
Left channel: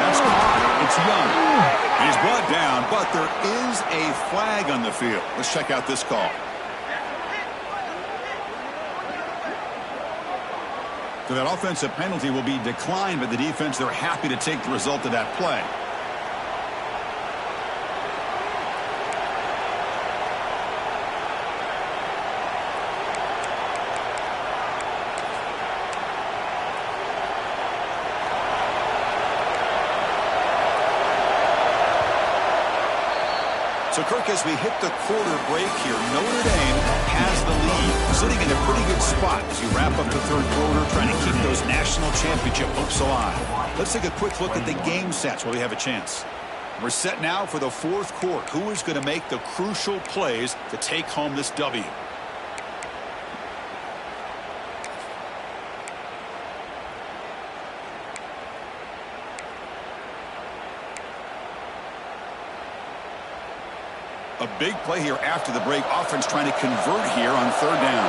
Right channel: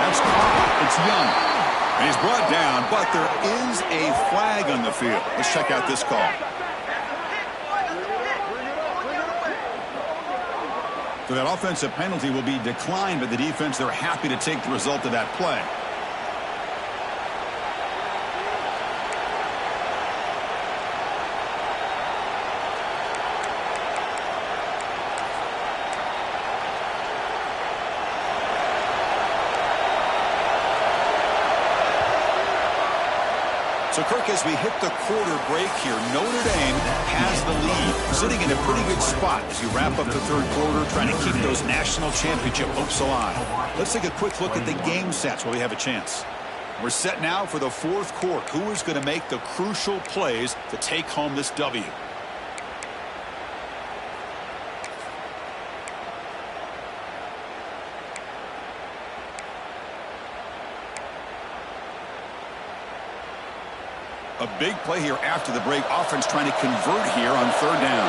That's caught. It's Young. And he's brought down, but there is a flag on the field. Let's check out this call. So that offensive penalty will be declined by the defense. They're happy to take the result of that play. So, Kirk, as we hit the quarter break here, Notre Dame has the lead, sitting in a pretty good spot as you wrap up the third quarter, trying to keep those national championship hopes alive. Let's take a quick look at the game sets while we have a chance. We're set now for the fourth quarter. Who is going to make the crucial plays to take home this W? A big play here after the break. Offense trying to convert here on third down.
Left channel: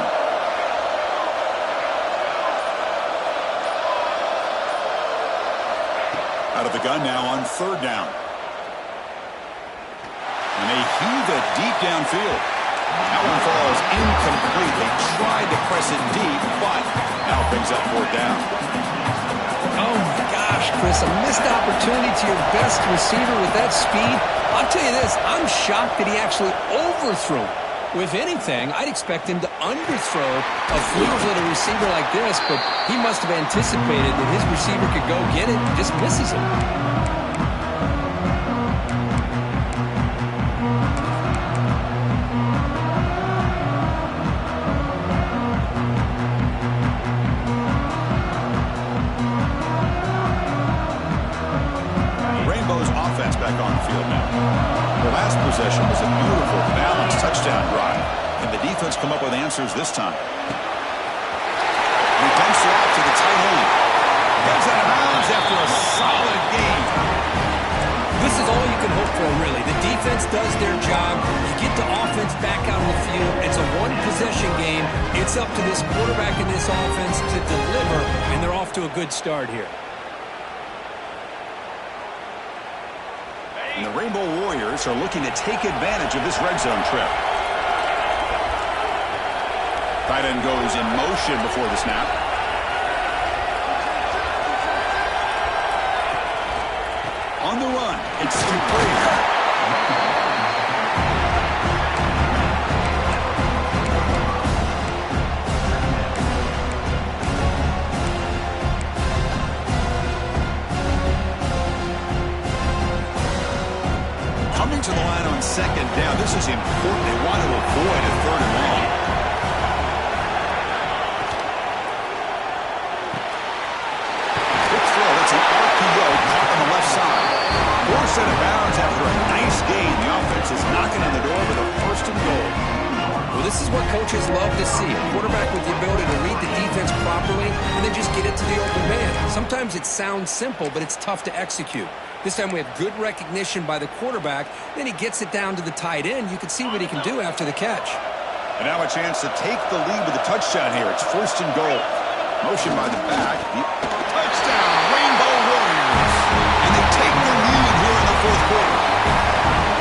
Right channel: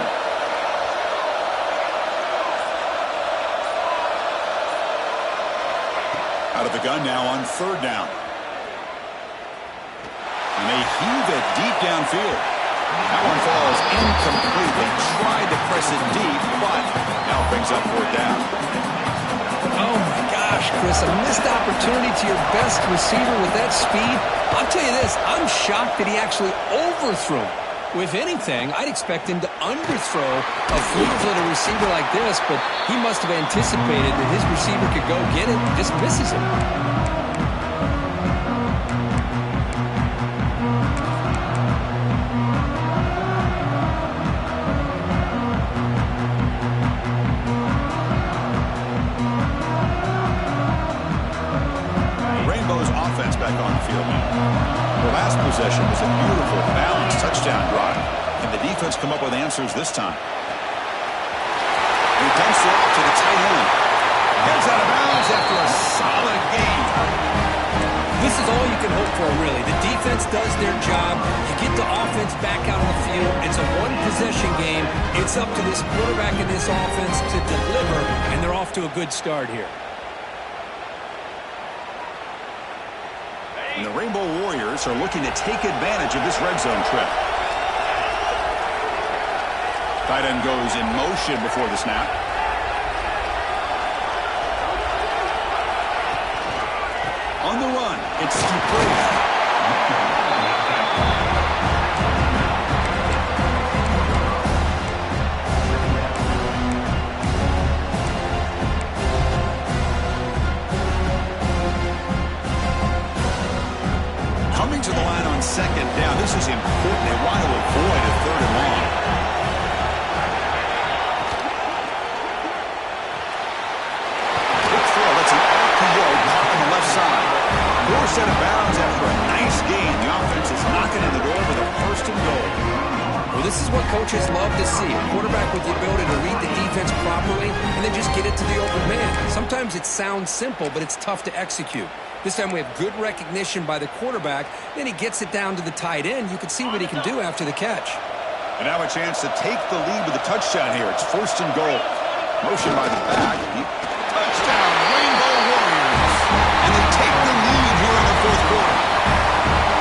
Out of the gun now on third down. And they heave it deep downfield. That one falls incomplete. They tried to press it deep, but now brings up fourth down. Oh, my gosh, Chris, a missed opportunity to your best receiver with that speed. I'll tell you this, I'm shocked that he actually overthrew. With anything, I'd expect him to underthrow a fleet-footed receiver like this, but he must have anticipated that his receiver could go get it and just misses him. Back on the field now. Their last possession was a beautiful, balanced touchdown drive. Can the defense come up with answers this time? He dumps it off to the tight end. Heads out of bounds after a solid game. This is all you can hope for, really. The defense does their job. You get the offense back out on the field. It's a one-possession game. It's up to this quarterback and this offense to deliver, and they're off to a good start here. And the Rainbow Warriors are looking to take advantage of this red zone trip. Tight end goes in motion before the snap. On the run, it's Dupree. Coming to the line on second down. This is important. They want to avoid a third and long. Quick throw. That's an RPO caught on the left side. Forced out of bounds after a nice gain. The offense is knocking on the door with a first and goal. Well, this is what coaches love to see. A quarterback with the ability to read the defense properly and then just get it to the open man. Sometimes it sounds simple, but it's tough to execute. This time we have good recognition by the quarterback. Then he gets it down to the tight end. You can see what he can do after the catch. And now a chance to take the lead with a touchdown here. It's first and goal. Motion by the back. Touchdown, Rainbow Warriors. And they take the lead here in the fourth quarter.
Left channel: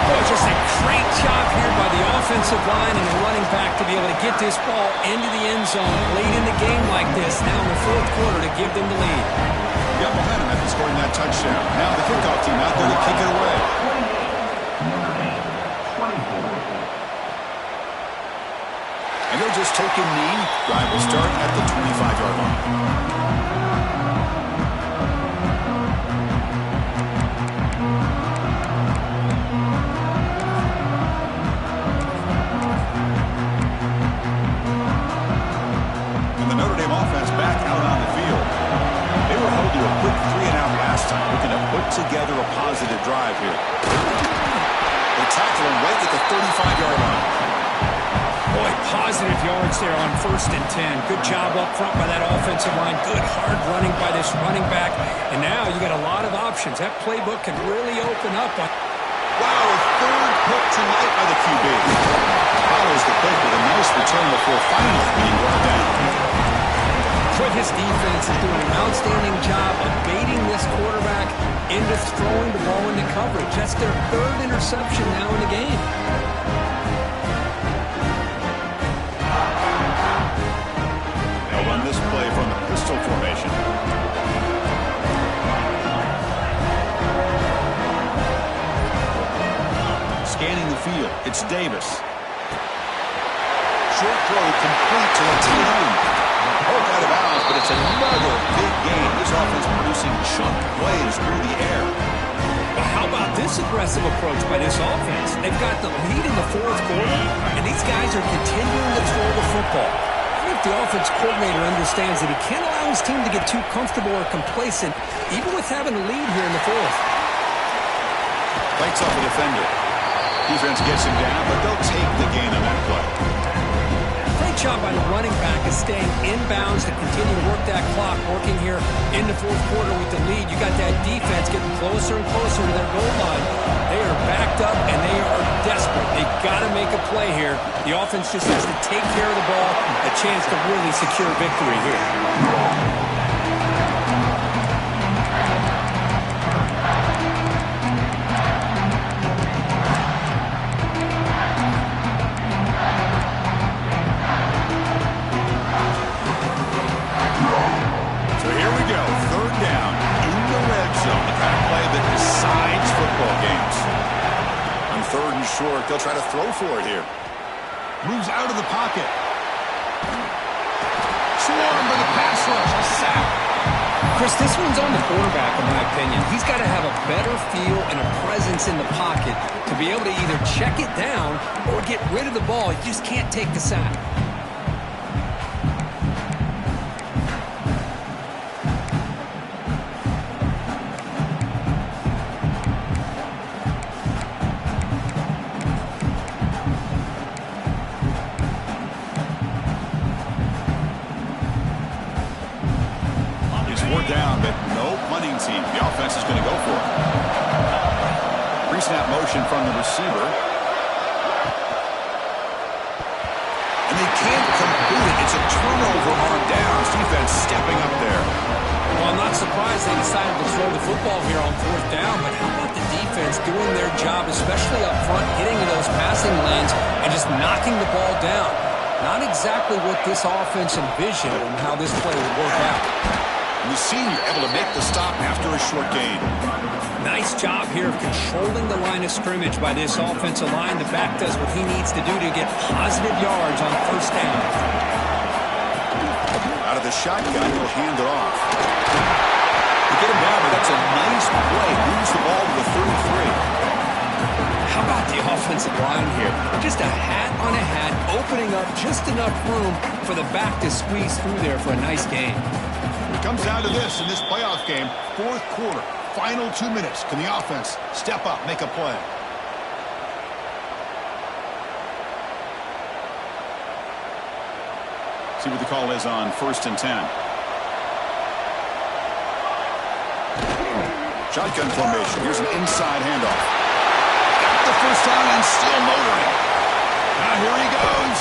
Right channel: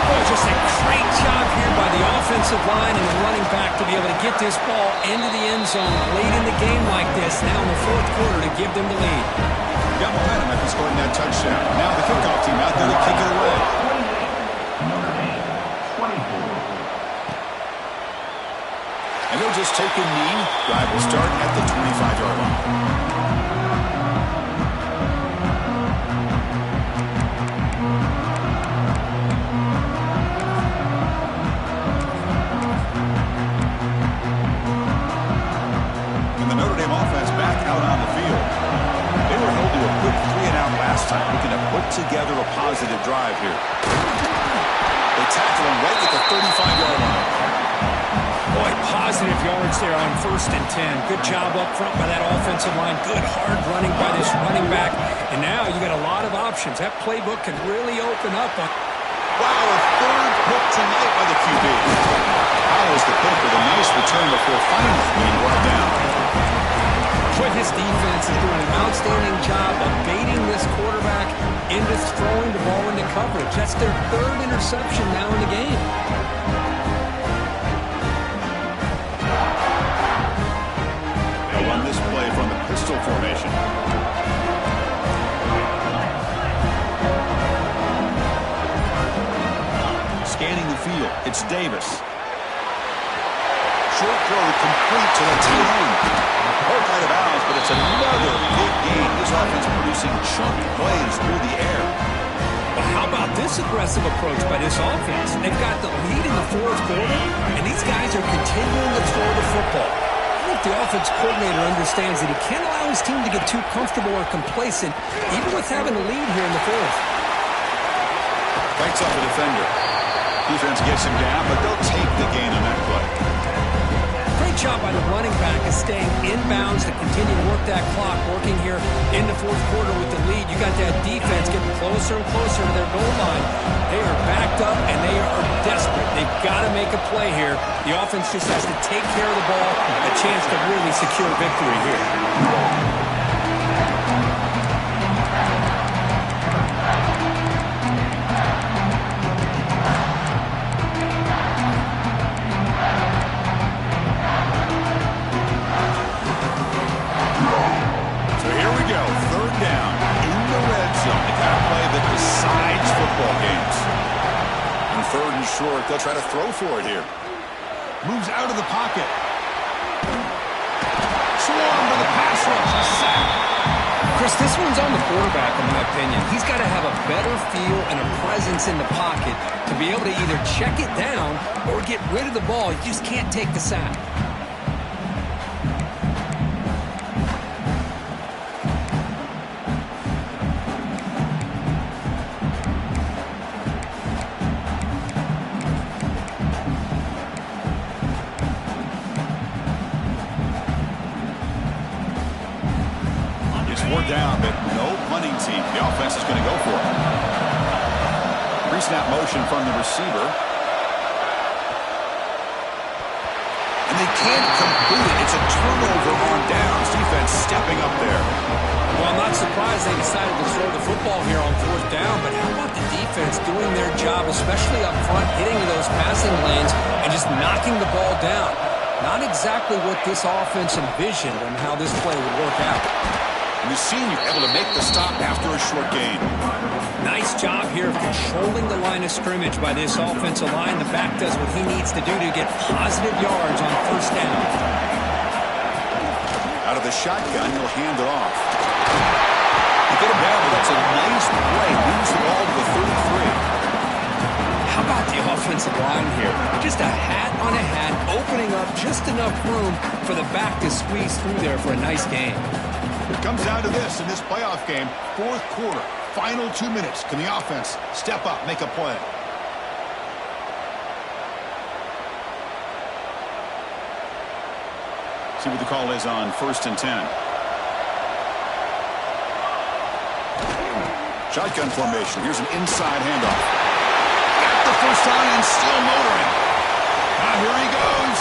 Boy, just a great job here by the offensive line and the running back to be able to get this ball into the end zone late in the game like this. Now in the fourth quarter to give them the lead. Got momentum after scoring that touchdown. Now the kickoff team out there to kick it away. 28, Notre Dame, 24. he'll just take a knee. Drive will start at the 25-yard line. Together a positive drive here. They tackle him right at the 35-yard line. Boy, positive yards there on 1st and 10. Good job up front by that offensive line. Good hard running by this running back. And now you got a lot of options. That playbook can really open up. Wow, a third pick tonight by the QB. Follows the pick with a nice return before finally being brought down. But his defense is doing an outstanding job of baiting this quarterback into throwing the ball into coverage. That's their 3rd interception now in the game. They'll run this play from the pistol formation. Scanning the field, it's Davis. Short throw complete to the tight end. Poked out of bounds, but it's another big gain. This offense producing chunk plays through the air. Well, how about this aggressive approach by this offense? They've got the lead in the 4th quarter, and these guys are continuing to throw the football. I think the offense coordinator understands that he can't allow his team to get too comfortable or complacent, even with having the lead here in the 4th. Bites off the defender. Defense gets him down, but they'll take the gain on that play. Great job by the running back of staying inbounds to continue to work that clock, working here in the 4th quarter with the lead. You got that defense getting closer and closer to their goal line. They are backed up, and they are desperate. They've got to make a play here. The offense just has to take care of the ball, a chance to really secure victory here. Short, they'll try to throw for it here. Moves out of the pocket. Swarmed by the pass rush. A sack. Chris, this one's on the quarterback, in my opinion. He's got to have a better feel and a presence in the pocket to be able to either check it down or get rid of the ball. You just can't take the sack. Down, but no punting team. The offense is going to go for it. Pre-snap motion from the receiver. And they can't complete it. It's a turnover on downs. Defense stepping up there. Well, I'm not surprised they decided to throw the football here on 4th down, but how about the defense doing their job, especially up front, getting to those passing lanes and just knocking the ball down? Not exactly what this offense envisioned and how this play would work out. And the senior able to make the stop after a short gain. Nice job here of controlling the line of scrimmage by this offensive line. The back does what he needs to do to get positive yards on 1st down. Out of the shotgun, he'll hand it off. You get him down, but that's a nice play. Moves the ball to the 33. How about the offensive line here? Just a hat on a hat, opening up just enough room for the back to squeeze through there for a nice gain. It comes down to this in this playoff game, 4th quarter, final 2 minutes. Can the offense step up, make a play? See what the call is on 1st and 10. Shotgun formation. Here's an inside handoff. Got the first down and still motoring. Now here he goes.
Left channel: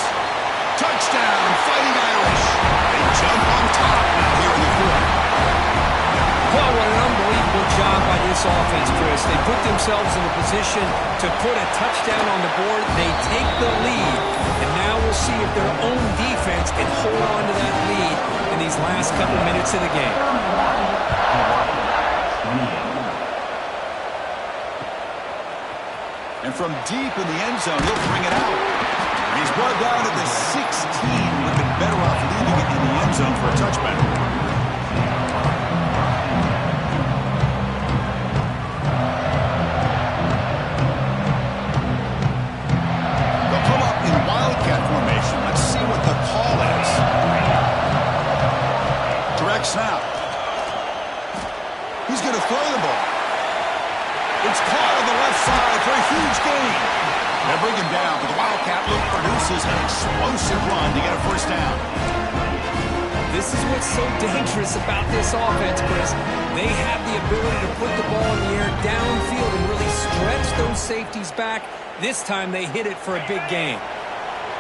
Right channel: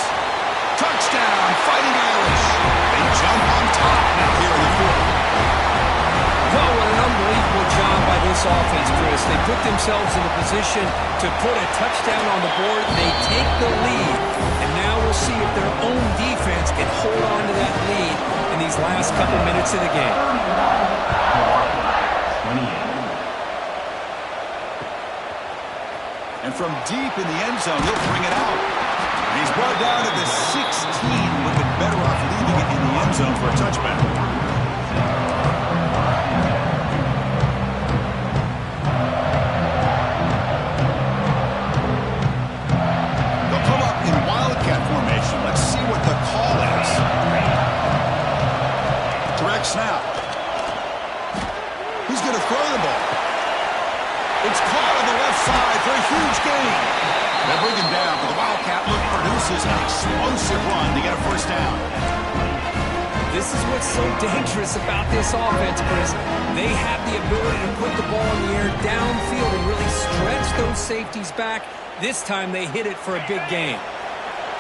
Touchdown, Fighting Irish. They jump on top now here in the 4th. Well, what an unbelievable job by this offense, Chris. They put themselves in a position to put a touchdown on the board. They take the lead, and now we'll see if their own defense can hold on to that lead in these last couple minutes of the game. And from deep in the end zone, he'll bring it out. He's brought down to the 16. Would have been better off leaving it in the end zone for a touchback. They'll come up in wildcat formation. Let's see what the call is. Direct snap. He's going to throw the ball. It's caught on the left side for a huge gain. They bring him down, but the Wildcat look produces an explosive run to get a first down. This is what's so dangerous about this offense, Chris. They have the ability to put the ball in the air downfield and really stretch those safeties back. This time they hit it for a big gain.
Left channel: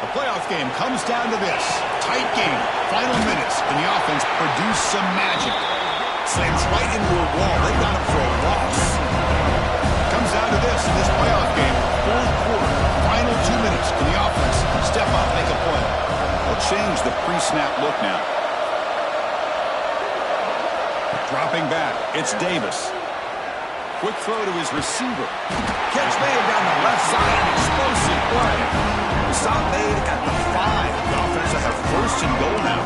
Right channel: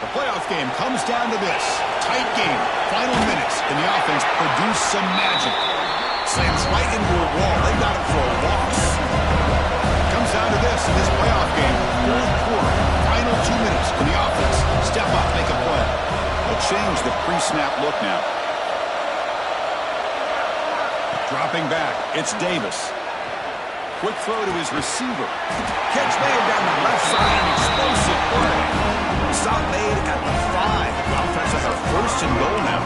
The playoff game comes down to this. Tight game. Final minutes, and the offense produced some magic. Slams right into a wall. They got him for a loss. Comes down to this in this playoff game. Fourth quarter, final 2 minutes. Can the offense step up, make a play? They'll change the pre-snap look now. Dropping back, it's Davis. Quick throw to his receiver. Catch made down the left side, an explosive play. The stop made at the 5. The offense will have first and goal now.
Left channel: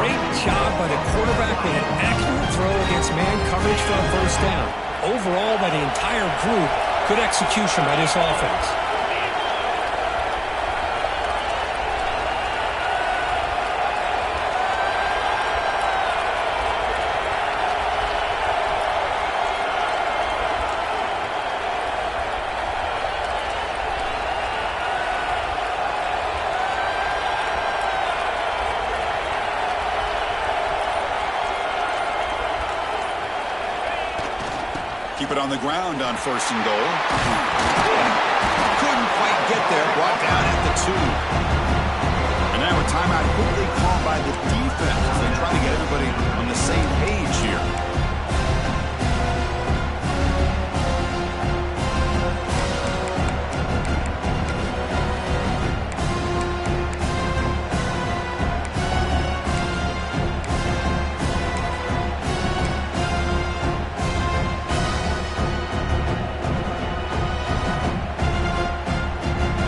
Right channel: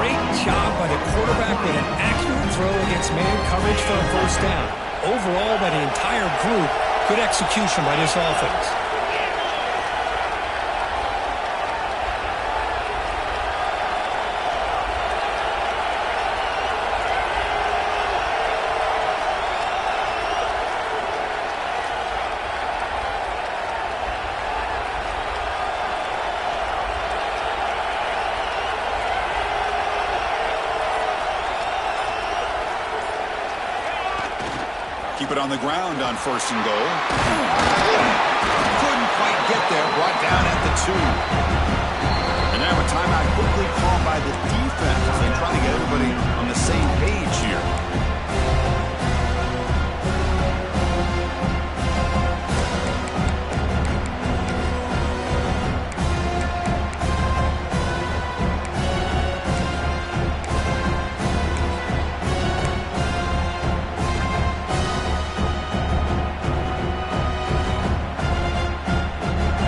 Great job by the quarterback with an accurate throw against man coverage for a first down. Overall, by the entire group, good execution by this offense. Keep it on the ground on first and goal. Couldn't quite get there. Brought down at the 2. And now a timeout quickly called by the defense as they try to get everybody on the same page here.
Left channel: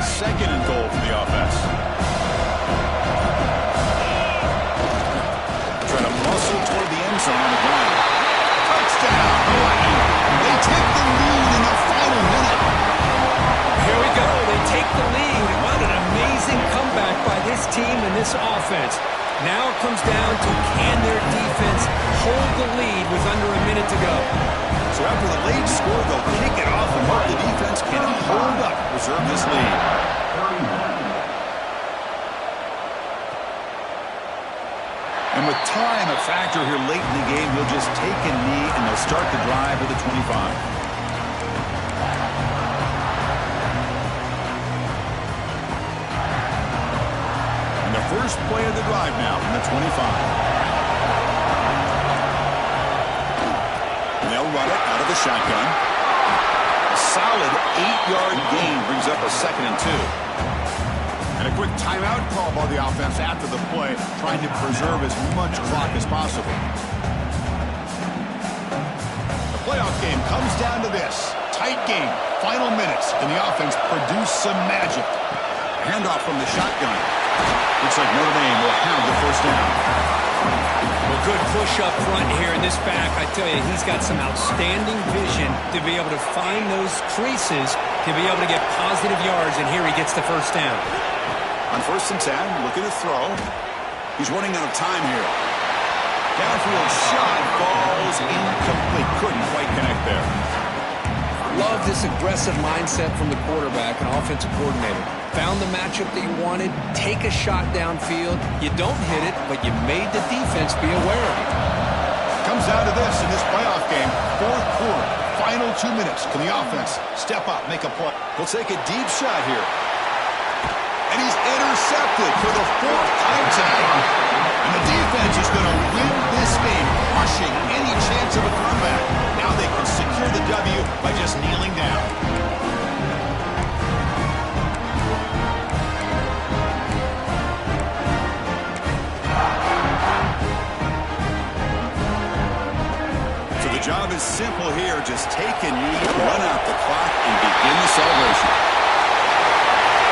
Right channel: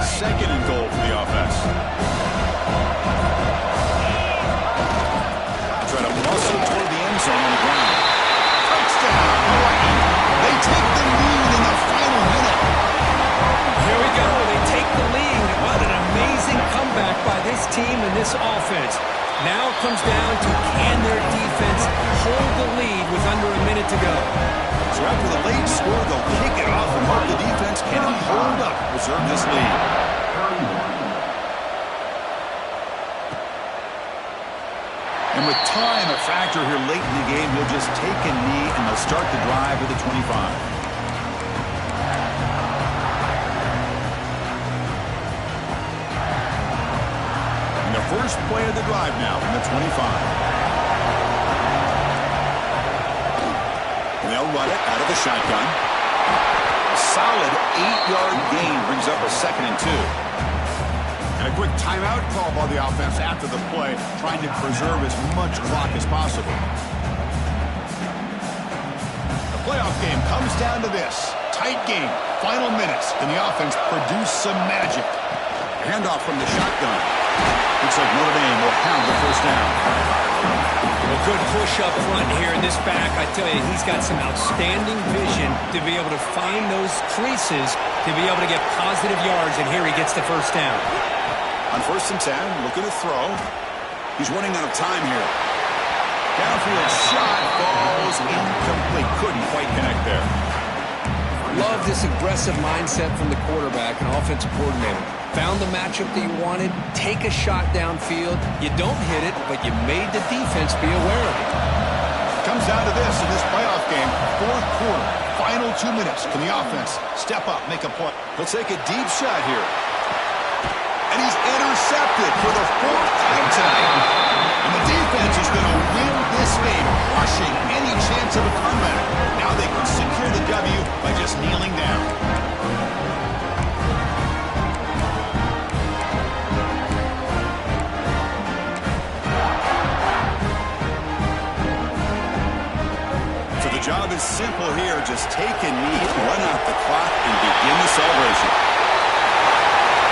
Second and goal for the offense. Trying to muscle toward the end zone on the ground. Touchdown, Hawaii. They take the lead in the final minute. Here we go. They take the lead. What an amazing comeback by this team and this offense. Now it comes down to can their defense hold the lead with under a minute to go. So after the late score, they'll kick it off and hope the defense can hold up, preserve this lead. And with time a factor here late in the game, he'll just take a knee and they'll start the drive at the 25. And the first play of the drive now from the 25. They'll run it out of the shotgun. A solid 8-yard gain brings up a 2nd and 2. And a quick timeout call by the offense after the play, trying to preserve as much clock as possible. The playoff game comes down to this. Tight game, final minutes, and the offense produced some magic. Handoff from the shotgun. Looks like Notre Dame will have the first down. Well, good push up front here in this back. I tell you, he's got some outstanding vision to be able to find those creases, to be able to get positive yards, and here he gets the first down. On 1st and 10, looking to throw. He's running out of time here. Downfield shot falls incomplete. Couldn't quite connect there. Love this aggressive mindset from the quarterback and offensive coordinator. Found the matchup that you wanted, take a shot downfield. You don't hit it, but you made the defense be aware of it. Comes down to this in this playoff game. Fourth quarter, final 2 minutes. Can the offense step up, make a play? He'll take a deep shot here. And he's intercepted for the 4th time tonight. And the defense is going to win this game, crushing any chance of a comeback. Now they can secure the W by just kneeling down. So the job is simple here. Just take a knee, run out the clock, and begin the celebration.